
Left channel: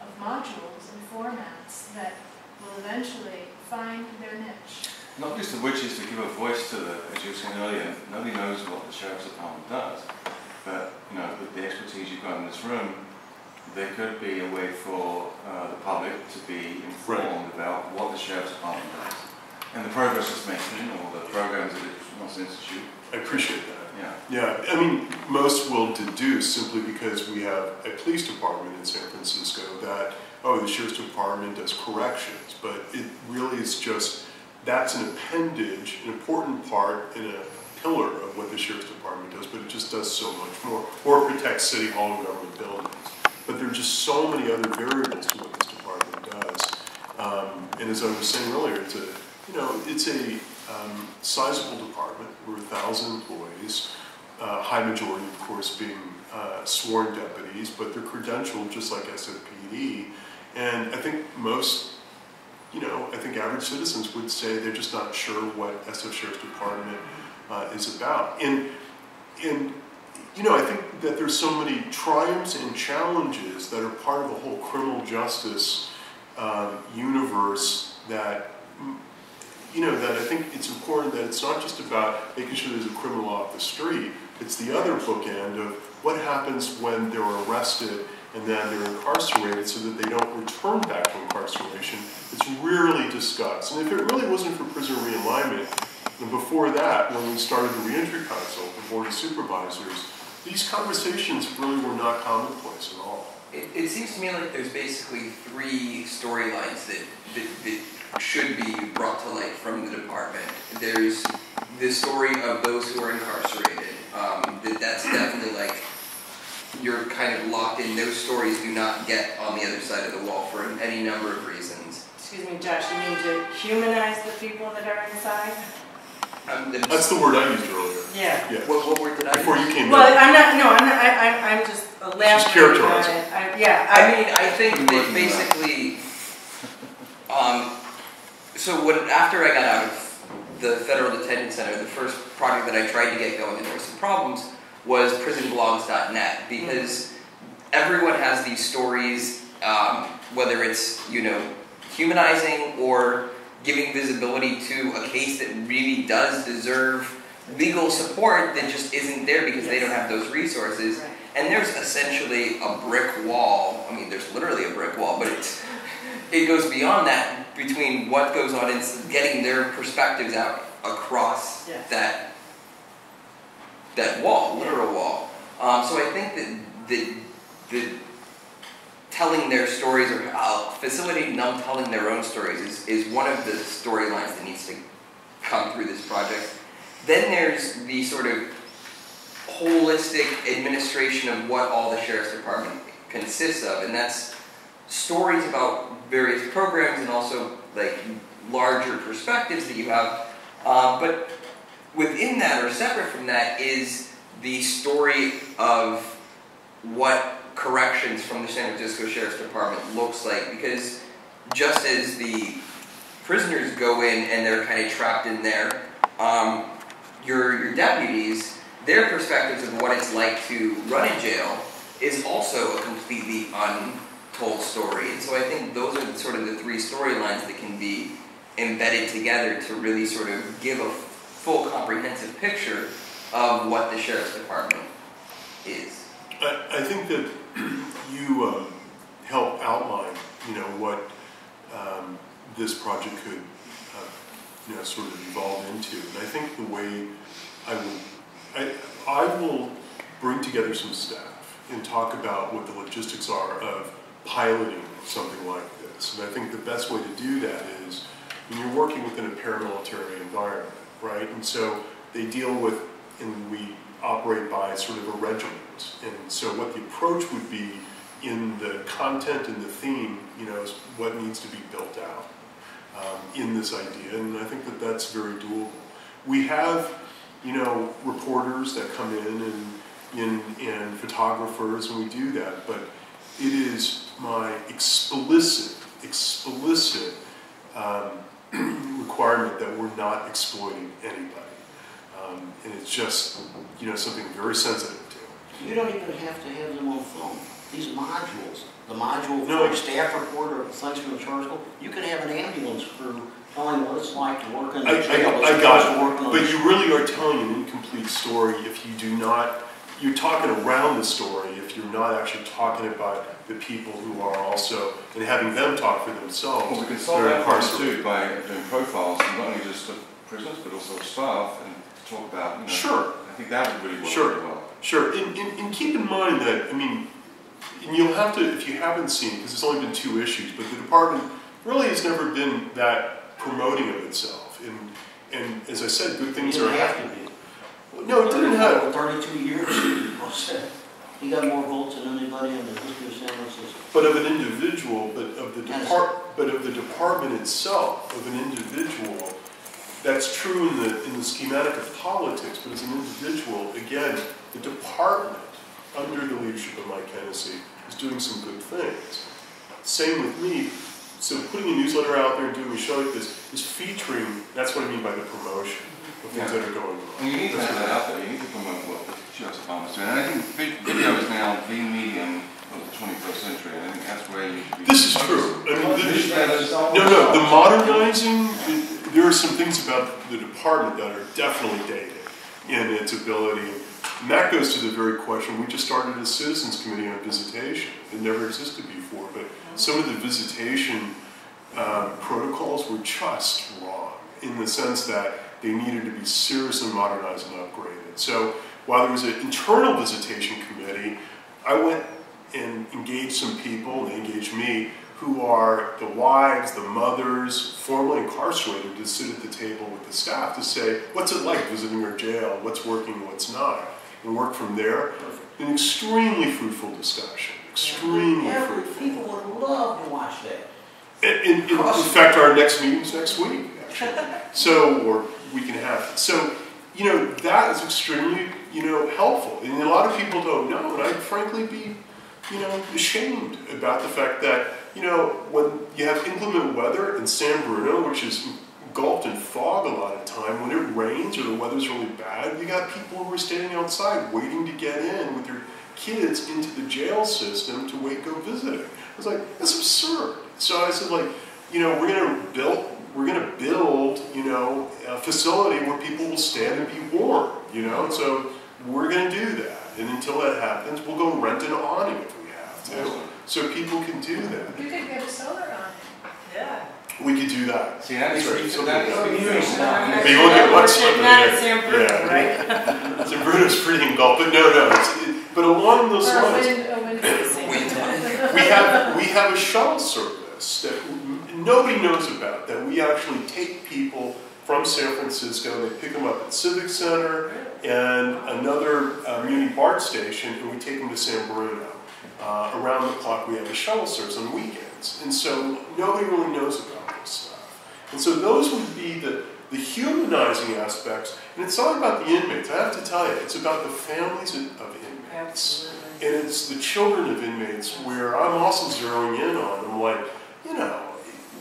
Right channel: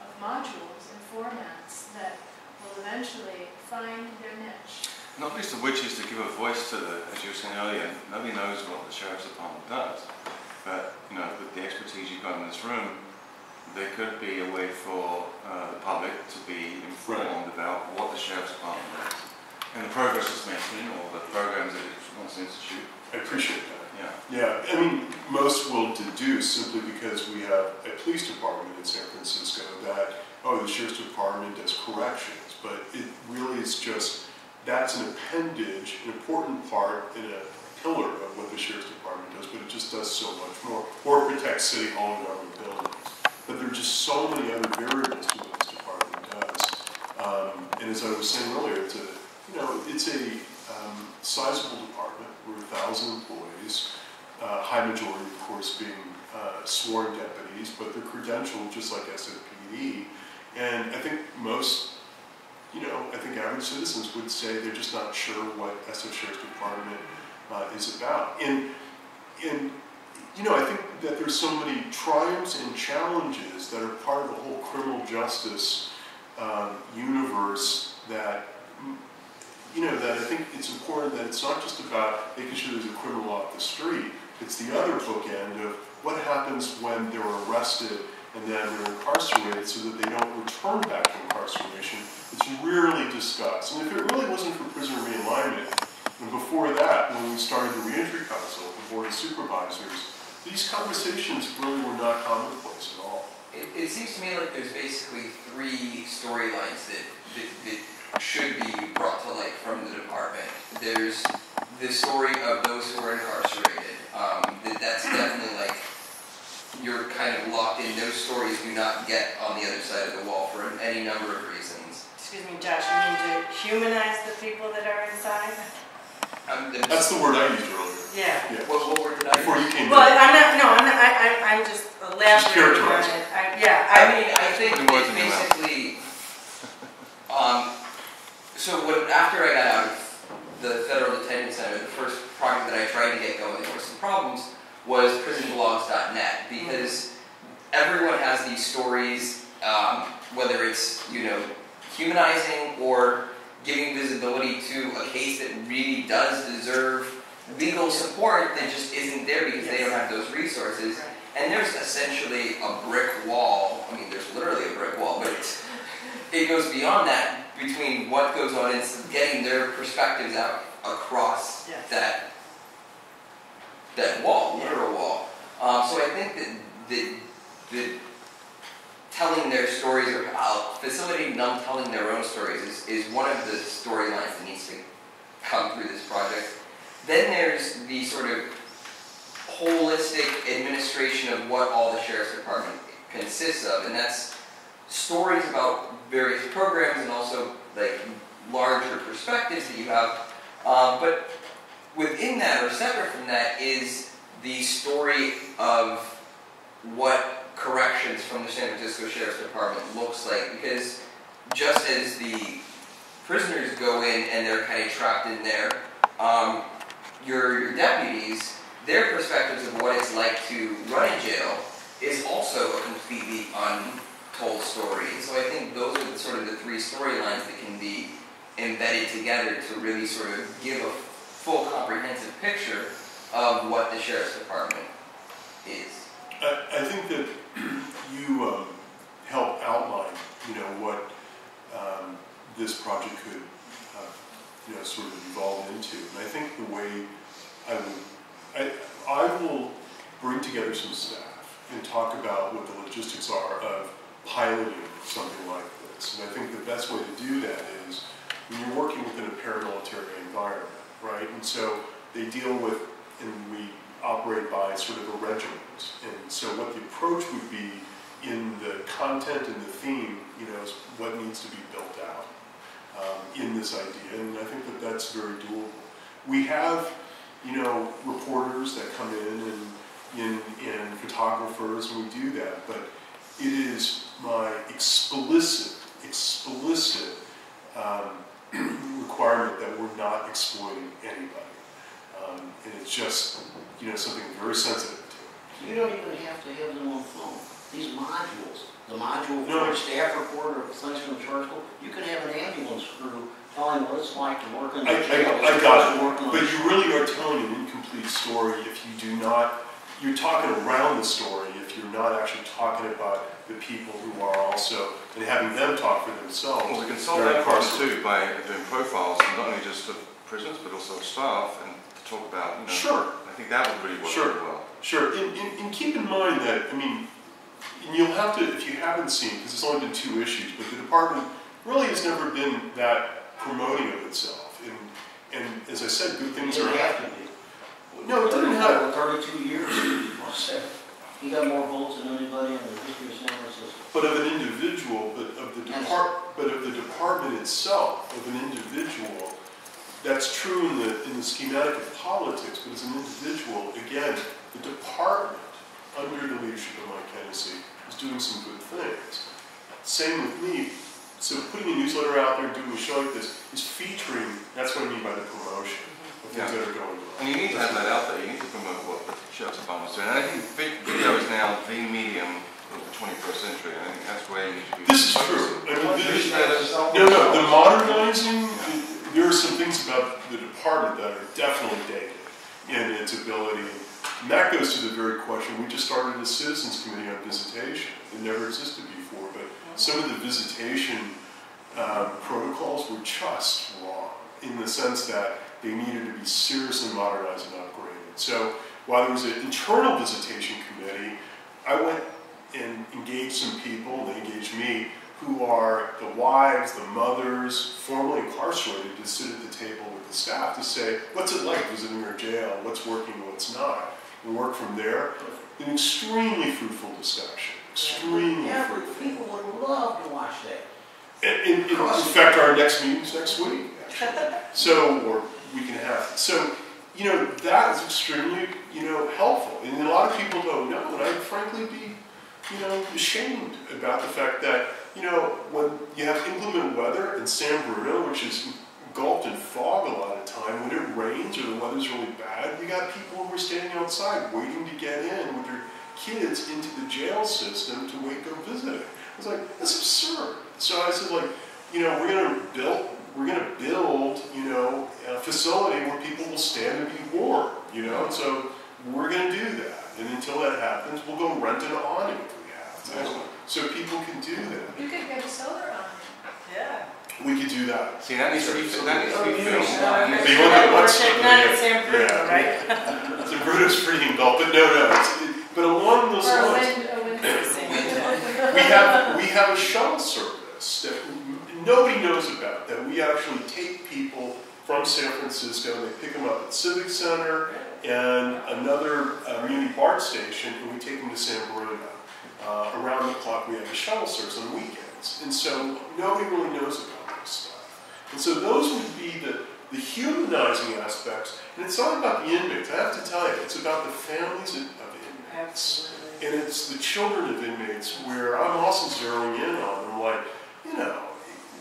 of modules and formats that will eventually find their niche. Not least of which is to give a voice to the, as you were saying earlier, nobody knows what the Sheriff's Department does. But, you know, with the expertise you've got in this room, there could be a way for the public to be informed about what the Sheriff's Department does and the progress it's making or the programs that it wants to institute. I appreciate that. Yeah. Yeah, I mean, most will deduce simply because we have a police department in San Francisco that, oh, the Sheriff's Department does corrections, but it really is just, that's an appendage, an important part in a pillar of what the Sheriff's Department does, but it just does so much more, or protects City Hall and government buildings. But there are just so many other variables to what this department does. And as I was saying earlier, it's a, it's a sizable department. We're 1,000 employees, high majority, of course, being sworn deputies, but they're credentialed just like SFPD. And I think most, I think average citizens would say they're just not sure what SF Sheriff's Department is about. And I think that there's so many triumphs and challenges that are part of the whole criminal justice universe that, that I think it's important that it's not just about making sure there's a criminal off the street. It's the other bookend of what happens when they're arrested and then they're incarcerated so that they don't return back to incarceration. It's rarely discussed. And if it really wasn't for prisoner realignment, and before that, when we started the Reentry Council, the Board of Supervisors, these conversations really were not commonplace at all. It seems to me like there's basically 3 storylines that should be brought to light from the department. There's the story of those who are incarcerated. That's definitely like, you're kind of locked in. Those stories do not get on the other side of the wall for any number of reasons. Excuse me, Josh, you mean to humanize the people that are inside? That's the word I used earlier. Yeah. What word did I Before you came Well, in. I'm not, I'm just elaborating characterizing. on it. I think that basically, so after I got out of the Federal Detention Center, the first project that I tried to get going, and there were some problems, was prisonblogs.net, because everyone has these stories, whether it's, humanizing or giving visibility to a case that really does deserve legal support that just isn't there because they don't have those resources. Right. And there's essentially a brick wall. I mean, there's literally a brick wall, but it goes beyond that between what goes on and getting their perspectives out across that wall, literal wall. So I think that telling their stories or facilitating them telling their own stories is one of the storylines that needs to come through this project. Then there's the sort of holistic administration of what all the Sheriff's Department consists of, and that's stories about various programs and also like larger perspectives that you have. But within that, or separate from that, is the story of what corrections from the San Francisco Sheriff's Department looks like, because just as the prisoners go in and they're kind of trapped in there, your deputies, their perspectives of what it's like to run a jail is also a completely untold story. And so I think those are sort of the three storylines that can be embedded together to really sort of give a full comprehensive picture of what the Sheriff's Department is. I think that you help outline, what this project could, sort of evolve into. And I think the way I will bring together some staff and talk about what the logistics are of piloting something like this. And I think the best way to do that is when you're working within a paramilitary environment, right? And so they deal with, and we operate by sort of a regiment. And so what the approach would be in the content and the theme, is what needs to be built out in this idea. And I think that that's very doable. We have, reporters that come in and photographers, and we do that. But it is my explicit requirement that we're not exploiting anybody. And it's just, something very sensitive to. You don't even have to have them on film. These modules, the module for a staff report or things from the charge school, you could have an ambulance crew telling what it's like to work in the jail. I got it. But you really are telling an incomplete story if you do not, you're talking around the story if you're not actually talking about the people who are also, and having them talk for themselves. Well, we can solve that problem too by doing profiles, not only just of prisoners, but also of staff, and talk about, Sure. I think that would really work really well. Sure, and keep in mind that, and you'll have to, if you haven't seen, because it's only been 2 issues, but the department really has never been that promoting of itself. And as I said, good things are happening. No, it didn't have. 32 years. He got more votes than anybody in the history of San Francisco. But of an individual, but of the department itself, of an individual. That's true in the schematic of politics, but as an individual, again, the department, under the leadership of Mike Hennessy, is doing some good things. Same with me. So putting a newsletter out there and doing a show like this is featuring, that's what I mean by the promotion of things that are going on. And you need to have that out there. You need to promote what the Sheriff's Department's doing. And I think video is now the medium of the 21st century, and I think that's where you should be. This is true. The modernizing, there are some things about the department that are definitely dated in its ability. And that goes to the very question, we just started a citizens committee on visitation. It never existed before, but some of the visitation protocols were just wrong in the sense that they needed to be seriously modernized and upgraded. So while there was an internal visitation committee, I went and engaged some people, and they engaged me, who are the wives, the mothers, formerly incarcerated, to sit at the table with the staff to say, what's it like visiting our jail, what's working, what's not, and work from there. An extremely fruitful discussion, extremely fruitful. People would love to watch that. In fact, our next meeting's next week, actually. So, or we can have. So, that is extremely, helpful. And a lot of people don't know, and I'd frankly be, ashamed about the fact that, when you have inclement weather in San Bruno, which is engulfed in fog a lot of time, when it rains or the weather's really bad, you got people who are standing outside waiting to get in with their kids into the jail system to go visiting. I was like, that's absurd. So I said, like, we're gonna build, a facility where people will stand and be warm, So we're gonna do that, and until that happens, we'll go rent an awning if we have to, so people can do that. You could get a solar on it. Yeah. We could do that. See, that needs to be But you But won't get much sun not there. in San Bruno, right? San Bruno's pretty engulfed, but but along those Or lines, a wind we have a shuttle service that nobody knows about, that we actually take people from San Francisco, and they pick them up at Civic Center and another Muni BART station, and we take them to San Bruno. Around the clock, we have a shuttle service on weekends, and so nobody really knows about this stuff. And so those would be the humanizing aspects, and it's not about the inmates. I have to tell you, it's about the families of inmates. Absolutely. And it's the children of inmates where I'm also zeroing in on. I'm like,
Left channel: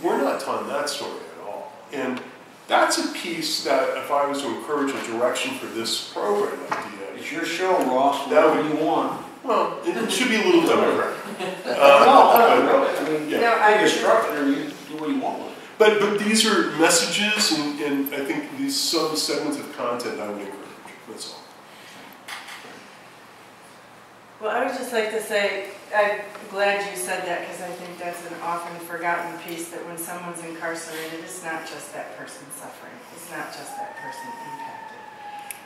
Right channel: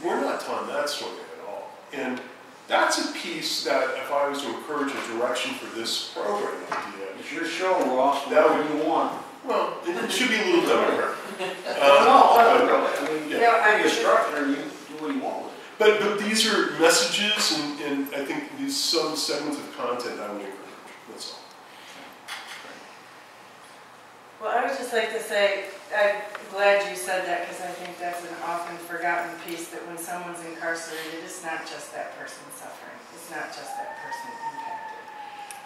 we're not telling that story at all. And that's a piece that, if I was to encourage a direction for this program idea, It's your show, Ross. That Whatever would- you want. well, it should be a little democratic. No, really. I mean, Yeah, you're a structure and you do what you want with it. But these are messages, and I think these some segments of content I would encourage. That's all. Well, I would just like to say, I'm glad you said that, because I think that's an often forgotten piece, that when someone's incarcerated, it's not just that person suffering. It's not just that person impacted.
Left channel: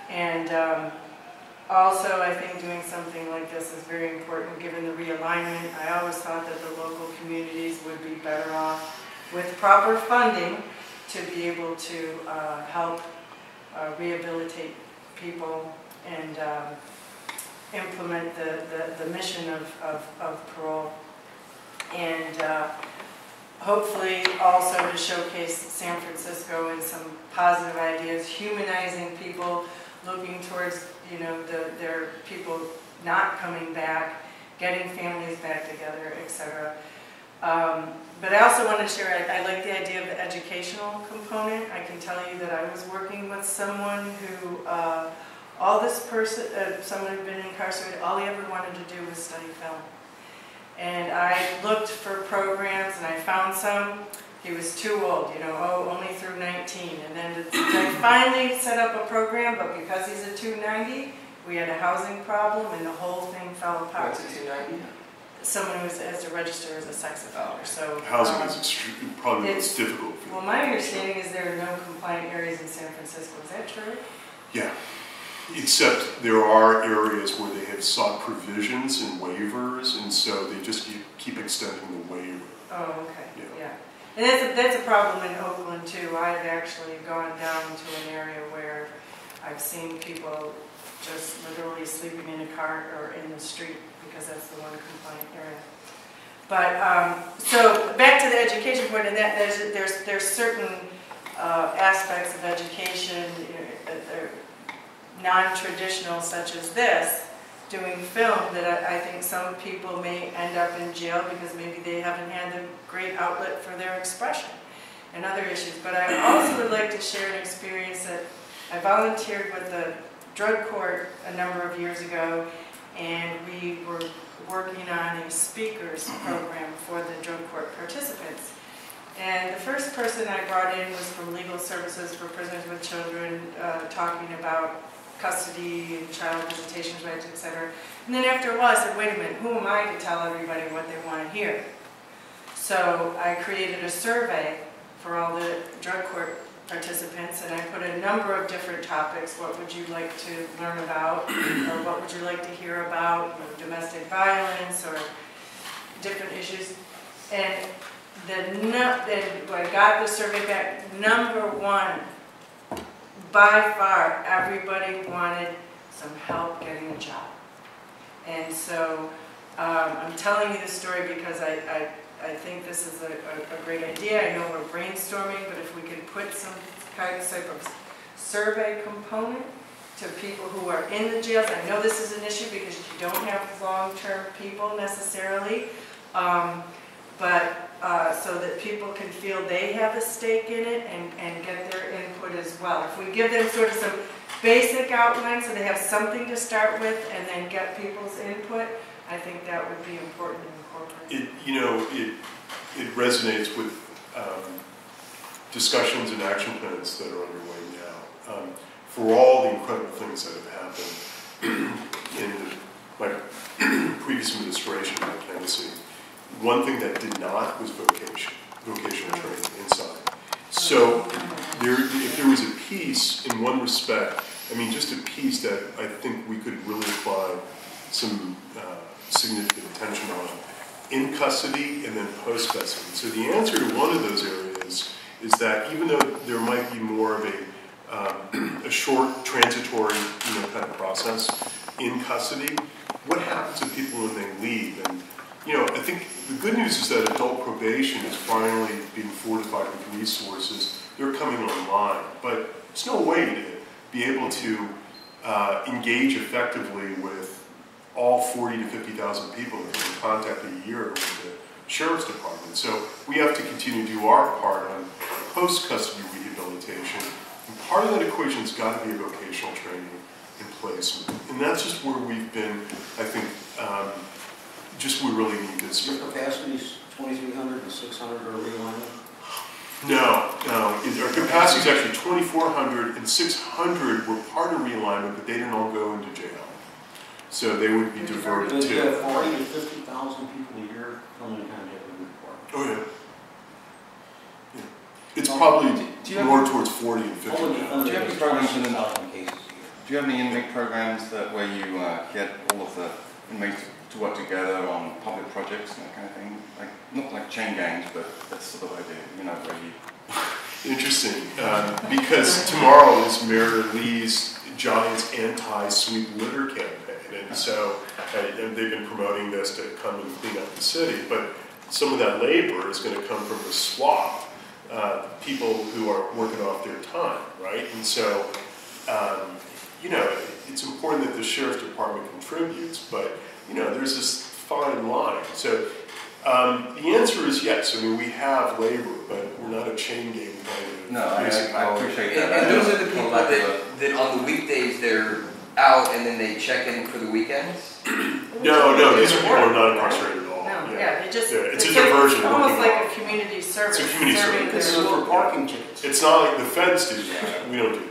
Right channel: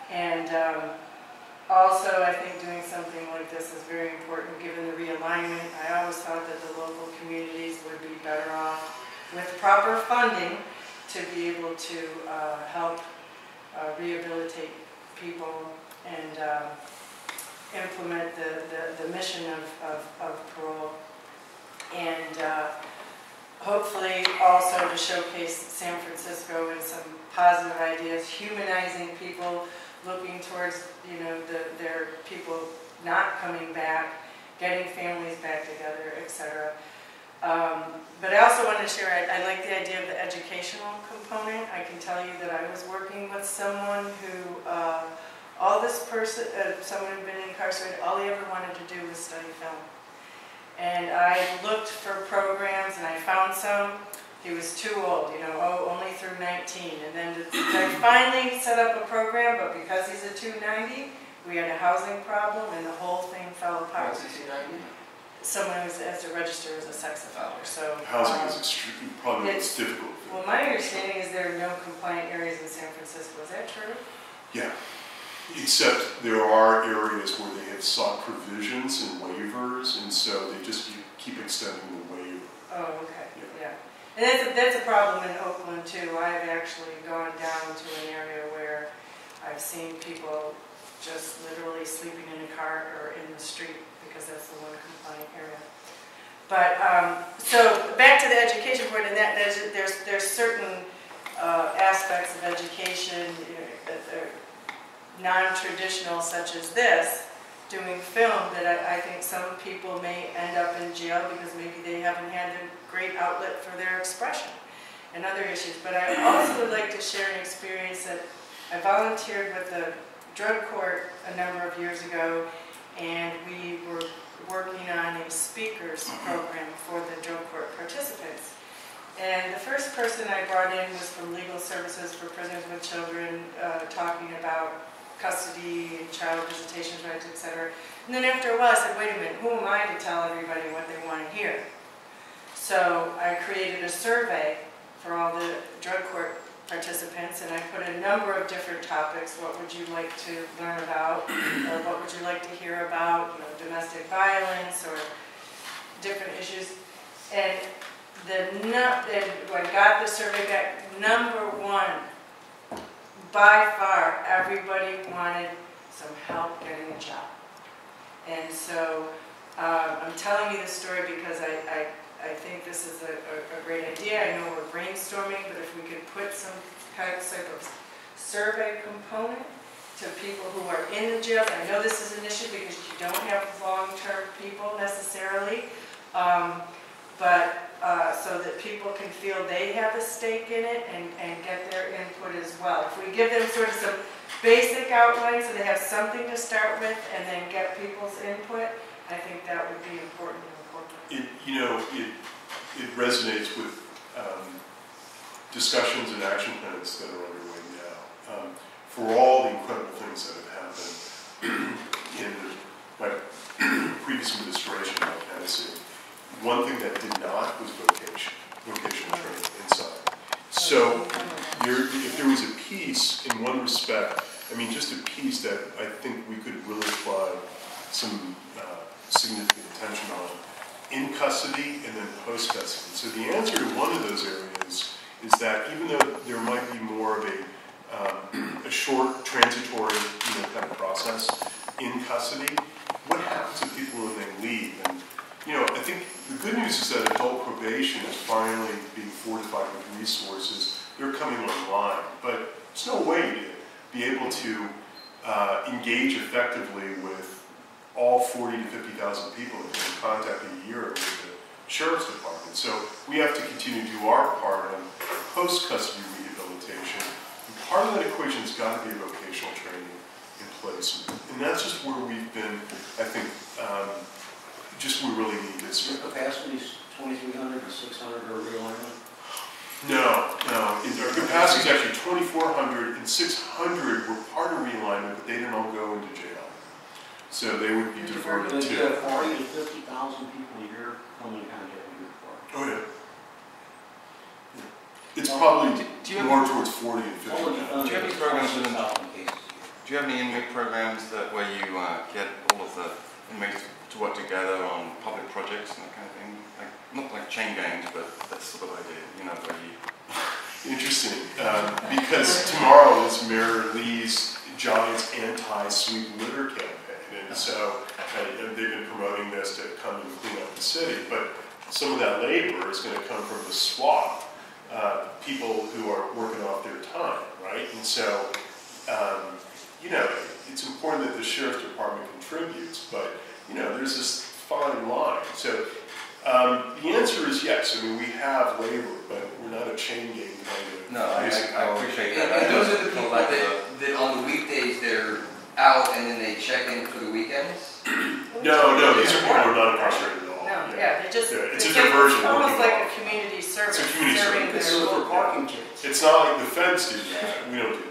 And also, I think doing something like this is very important, given the realignment. I always thought that the local communities would be better off with proper funding to be able to help rehabilitate people and implement the mission of parole, and hopefully also to showcase San Francisco and some positive ideas, humanizing people, looking towards their people not coming back, getting families back together, etc. But I also want to share, I like the idea of the educational component. I can tell you that I was working with someone who, someone who'd been incarcerated, all he ever wanted to do was study film. And I looked for programs, and I found some. He was too old, only through 19. And then I finally set up a program, but because he's a 290, we had a housing problem, and the whole thing fell apart. What's a 290? Someone who has to register as a sex offender. So Housing is probably the most difficult. Well, my understanding is there are no compliant areas in San Francisco. Is that true? Yeah. Except there are areas where they have sought provisions and waivers, and so they just keep extending the waiver. Oh, okay. Yeah. And that's a problem in Oakland, too. I've actually gone down to an area where I've seen people just literally sleeping in a car or in the street, because that's the one compliant area. But, so back to the education point, and that there's certain aspects of education that are non-traditional, such as this, doing film, that I think some people may end up in jail because maybe they haven't had a great outlet for their expression and other issues. But I also would like to share an experience that I volunteered with the drug court a number of years ago, and we were working on a speakers program for the drug court participants. And the first person I brought in was from Legal Services for Prisoners with Children, talking about custody and child visitation rights, etc. And then after a while I said, wait a minute, who am I to tell everybody what they want to hear? So I created a survey for all the drug court participants, and I put a number of different topics. What would you like to learn about? Or what would you like to hear about? Domestic violence or different issues. And when I got the survey back, number one, by far, everybody wanted some help getting a job. And so I'm telling you this story because I think this is a great idea. I know we're brainstorming, but if we could put some type of survey component to people who are in the jails. I know this is an issue because you don't have long-term people necessarily, but so that people can feel they have a stake in it and get their input as well. If we give them sort of some basic outlines so they have something to start with and then get people's input, I think that would be important to incorporate. It resonates with discussions and action plans that are underway now. For all the incredible things that have happened in my previous administration in Tennessee, one thing that did not was vocational training inside. So if there was a piece in one respect, I mean just a piece that I think we could really apply some significant attention on in custody and then post-custody. So the answer to one of those areas is that even though there might be more of a short transitory kind of process in custody, what happens to people when they leave? And I think the good news is that adult probation is finally being fortified with resources. They're coming online, but there's no way to be able to engage effectively with all 40 to 50,000 people that come in contact a year with the Sheriff's Department. So we have to continue to do our part on post-custody rehabilitation. And part of that equation has got to be a vocational training in place. And that's just where we've been, I think, we really need this. Your capacity is 2,300 and 600 are realignment? No. Our capacity is actually 2,400 and 600 were part of realignment, but they didn't all go into jail. So they would be diverted to. You have 40 to 50,000 people a year coming in contact with your department. Oh, yeah. It's probably more towards 40 and 50 now. Do you have any programs within cases? Do you have any inmate programs where you get all of the inmates to work together on public projects and that kind of thing? Like, not like chain gangs, but that sort of idea, where you... Interesting, because tomorrow is Mayor Lee's Giants anti-sweep litter campaign, and so they've been promoting this to come and clean up the city, but some of that labor is going to come from the swap, people who are working off their time, right? And so, it's important that the Sheriff's Department contributes, but, there's this fine line. So the answer is yes. I mean, we have labor, but we're not a chain gang kind of. No, I appreciate that. And those are the people that on the weekdays they're out and then they check in for the weekends? No, these are people who are not incarcerated at all. No, yeah, it's a diversion. It's almost like a community service. It's a community service. It's for parking tickets. It's not like the feds do that. We don't do that.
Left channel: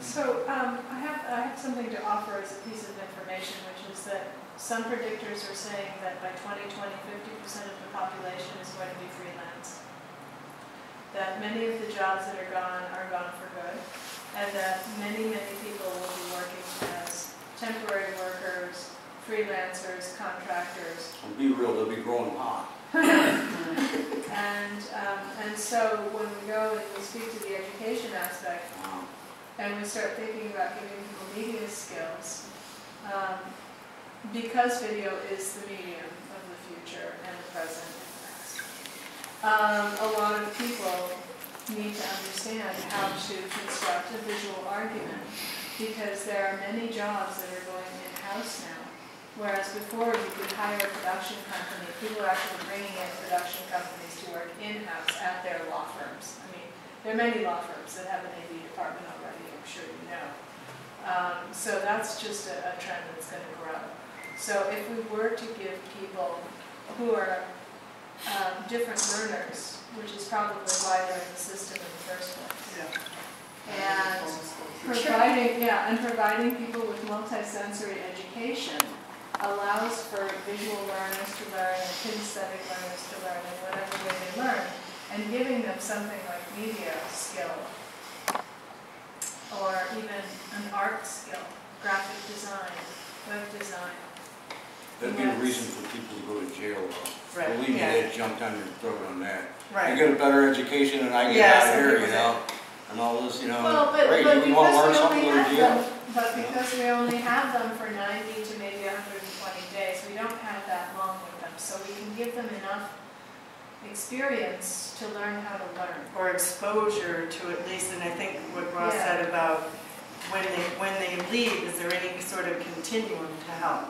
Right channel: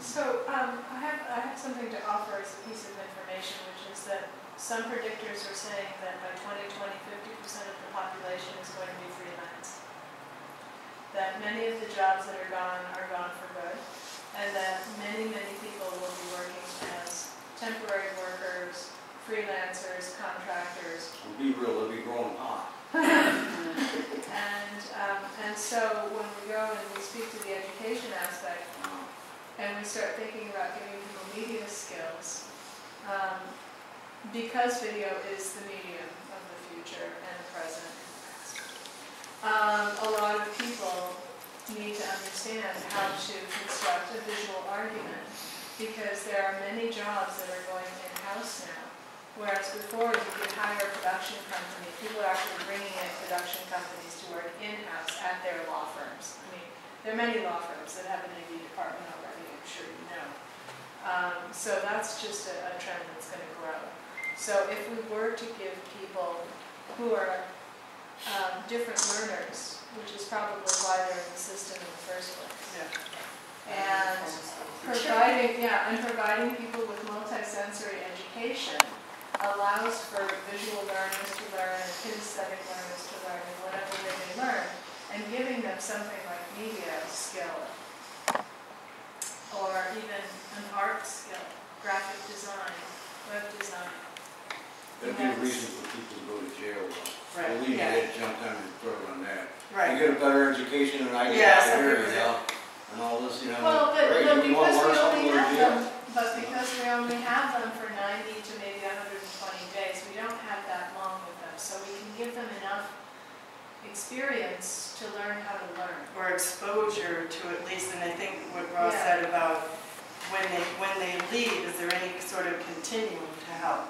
So I have something to offer as a piece of information, which is that some predictors are saying that by 2020, 50% of the population is going to be freelance. That many of the jobs that are gone for good, and that many people will be working as temporary workers, freelancers, contractors. And be real, they'll be growing hot. And so when we go and we speak to the education aspect, and we start thinking about giving people media skills, because video is the medium of the future and the present and the past. A lot of people need to understand how to construct a visual argument, because there are many jobs that are going in-house now, whereas before you could hire a production company. People are actually bringing in production companies to work in-house at their law firms. I mean, there are many law firms that have an AV department already, I'm sure you know. So that's just a trend that's going to grow. So if we were to give people who are different learners, which is probably why they're in the system in the first place, and providing people with multisensory education allows for visual learners to learn and kinesthetic learners to learn in whatever way they learn, and giving them something like media skill or even an art skill, graphic design, web design. That'd be a reason for people to go to jail, though. Right. Believe me, they'd jump down your throat on that. Right. You get a better education than I get out here, and all this, Well, but great, you want to learn something, go to jail. But because we only have them for 90 to maybe 120 days, we don't have that long with them. So we can give them enough experience to learn how to learn. Or exposure to at least, and I think what Ross Yeah. said about when they leave, is there any sort of continuum to help?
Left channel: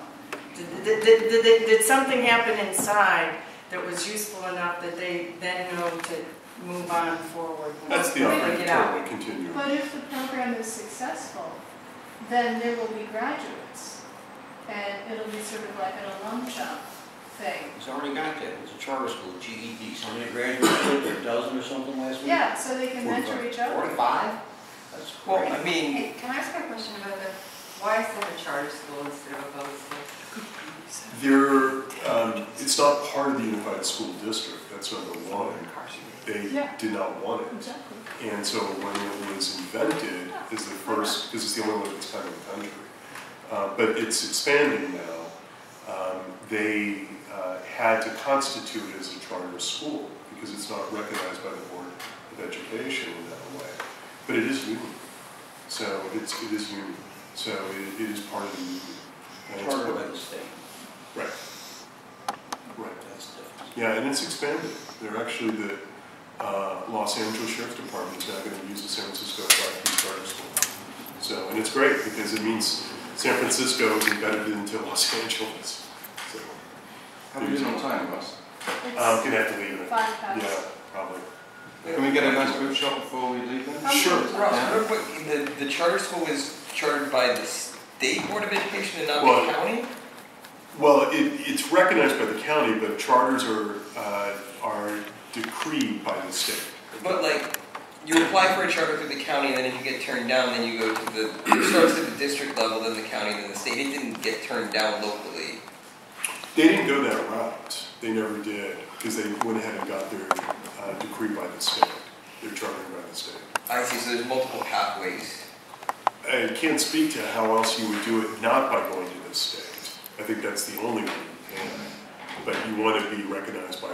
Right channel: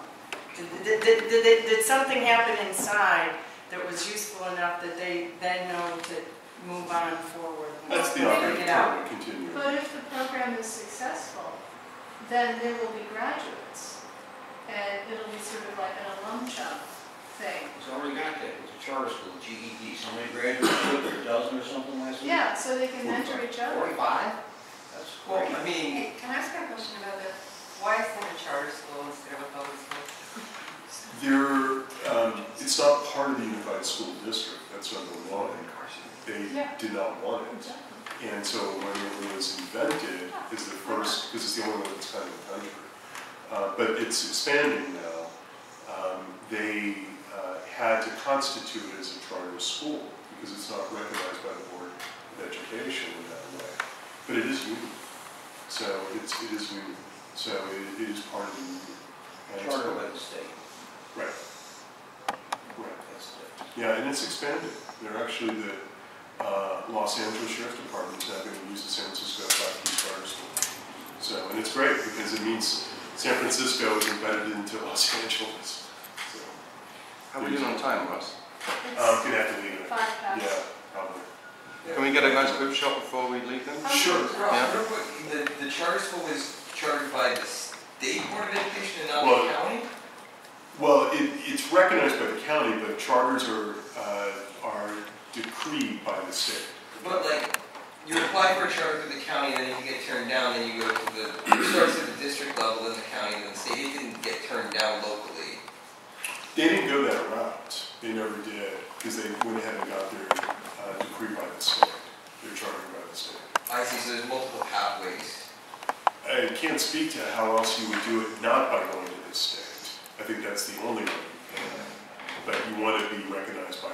Did something happen inside that was useful enough that they then know to move on forward? That's the when they get out? opportunity to continue. But if the program is successful, then there will be graduates. And it'll be sort of like an alum chum thing. It's already got that. It's a charter school, GED. How many graduates took there? A dozen or something last week? Yeah, so they can mentor each other. 45? That's Well, great. I mean, Hey, can I ask a question about that? Why is it a charter school instead of a public school? It's not part of the unified school district. That's number one. They Yeah. did not want it. Exactly. And so when it was invented, is the first, because it's the only one of its kind in the country. But it's expanding now. They had to constitute it as a charter school because it's not recognized by the Board of Education in that way. But it is union. So it is union. So it is part of the union. And it's Charter by the state. Right. Right. That's different. Yeah, and it's expanded. They're actually the Los Angeles Sheriff's Department is now going to use the San Francisco Blackkeys Charter School. So, and it's great because it means San Francisco is embedded into Los Angeles. So, How are we doing on time, Ross? It's gonna have to leave it. 5 past. Yeah, probably. Can we get a nice group shot before we leave then? Sure. Ross, real quick, the charter school is chartered by the State Board of Education and not Well, the county? Well, it's recognized by the county, but charters are decreed by the state. But like, you apply for a charter through the county, and then if you get turned down, then you go to it starts at the district level, then the county, then the state. It didn't get turned down locally. They didn't go that route. They never did, because they went ahead and got their decree by the state. They're chartered by the state. I see, so there's multiple pathways. I can't speak to how else you would do it not by going to the state. I think that's the only way you can. But you want to be recognized by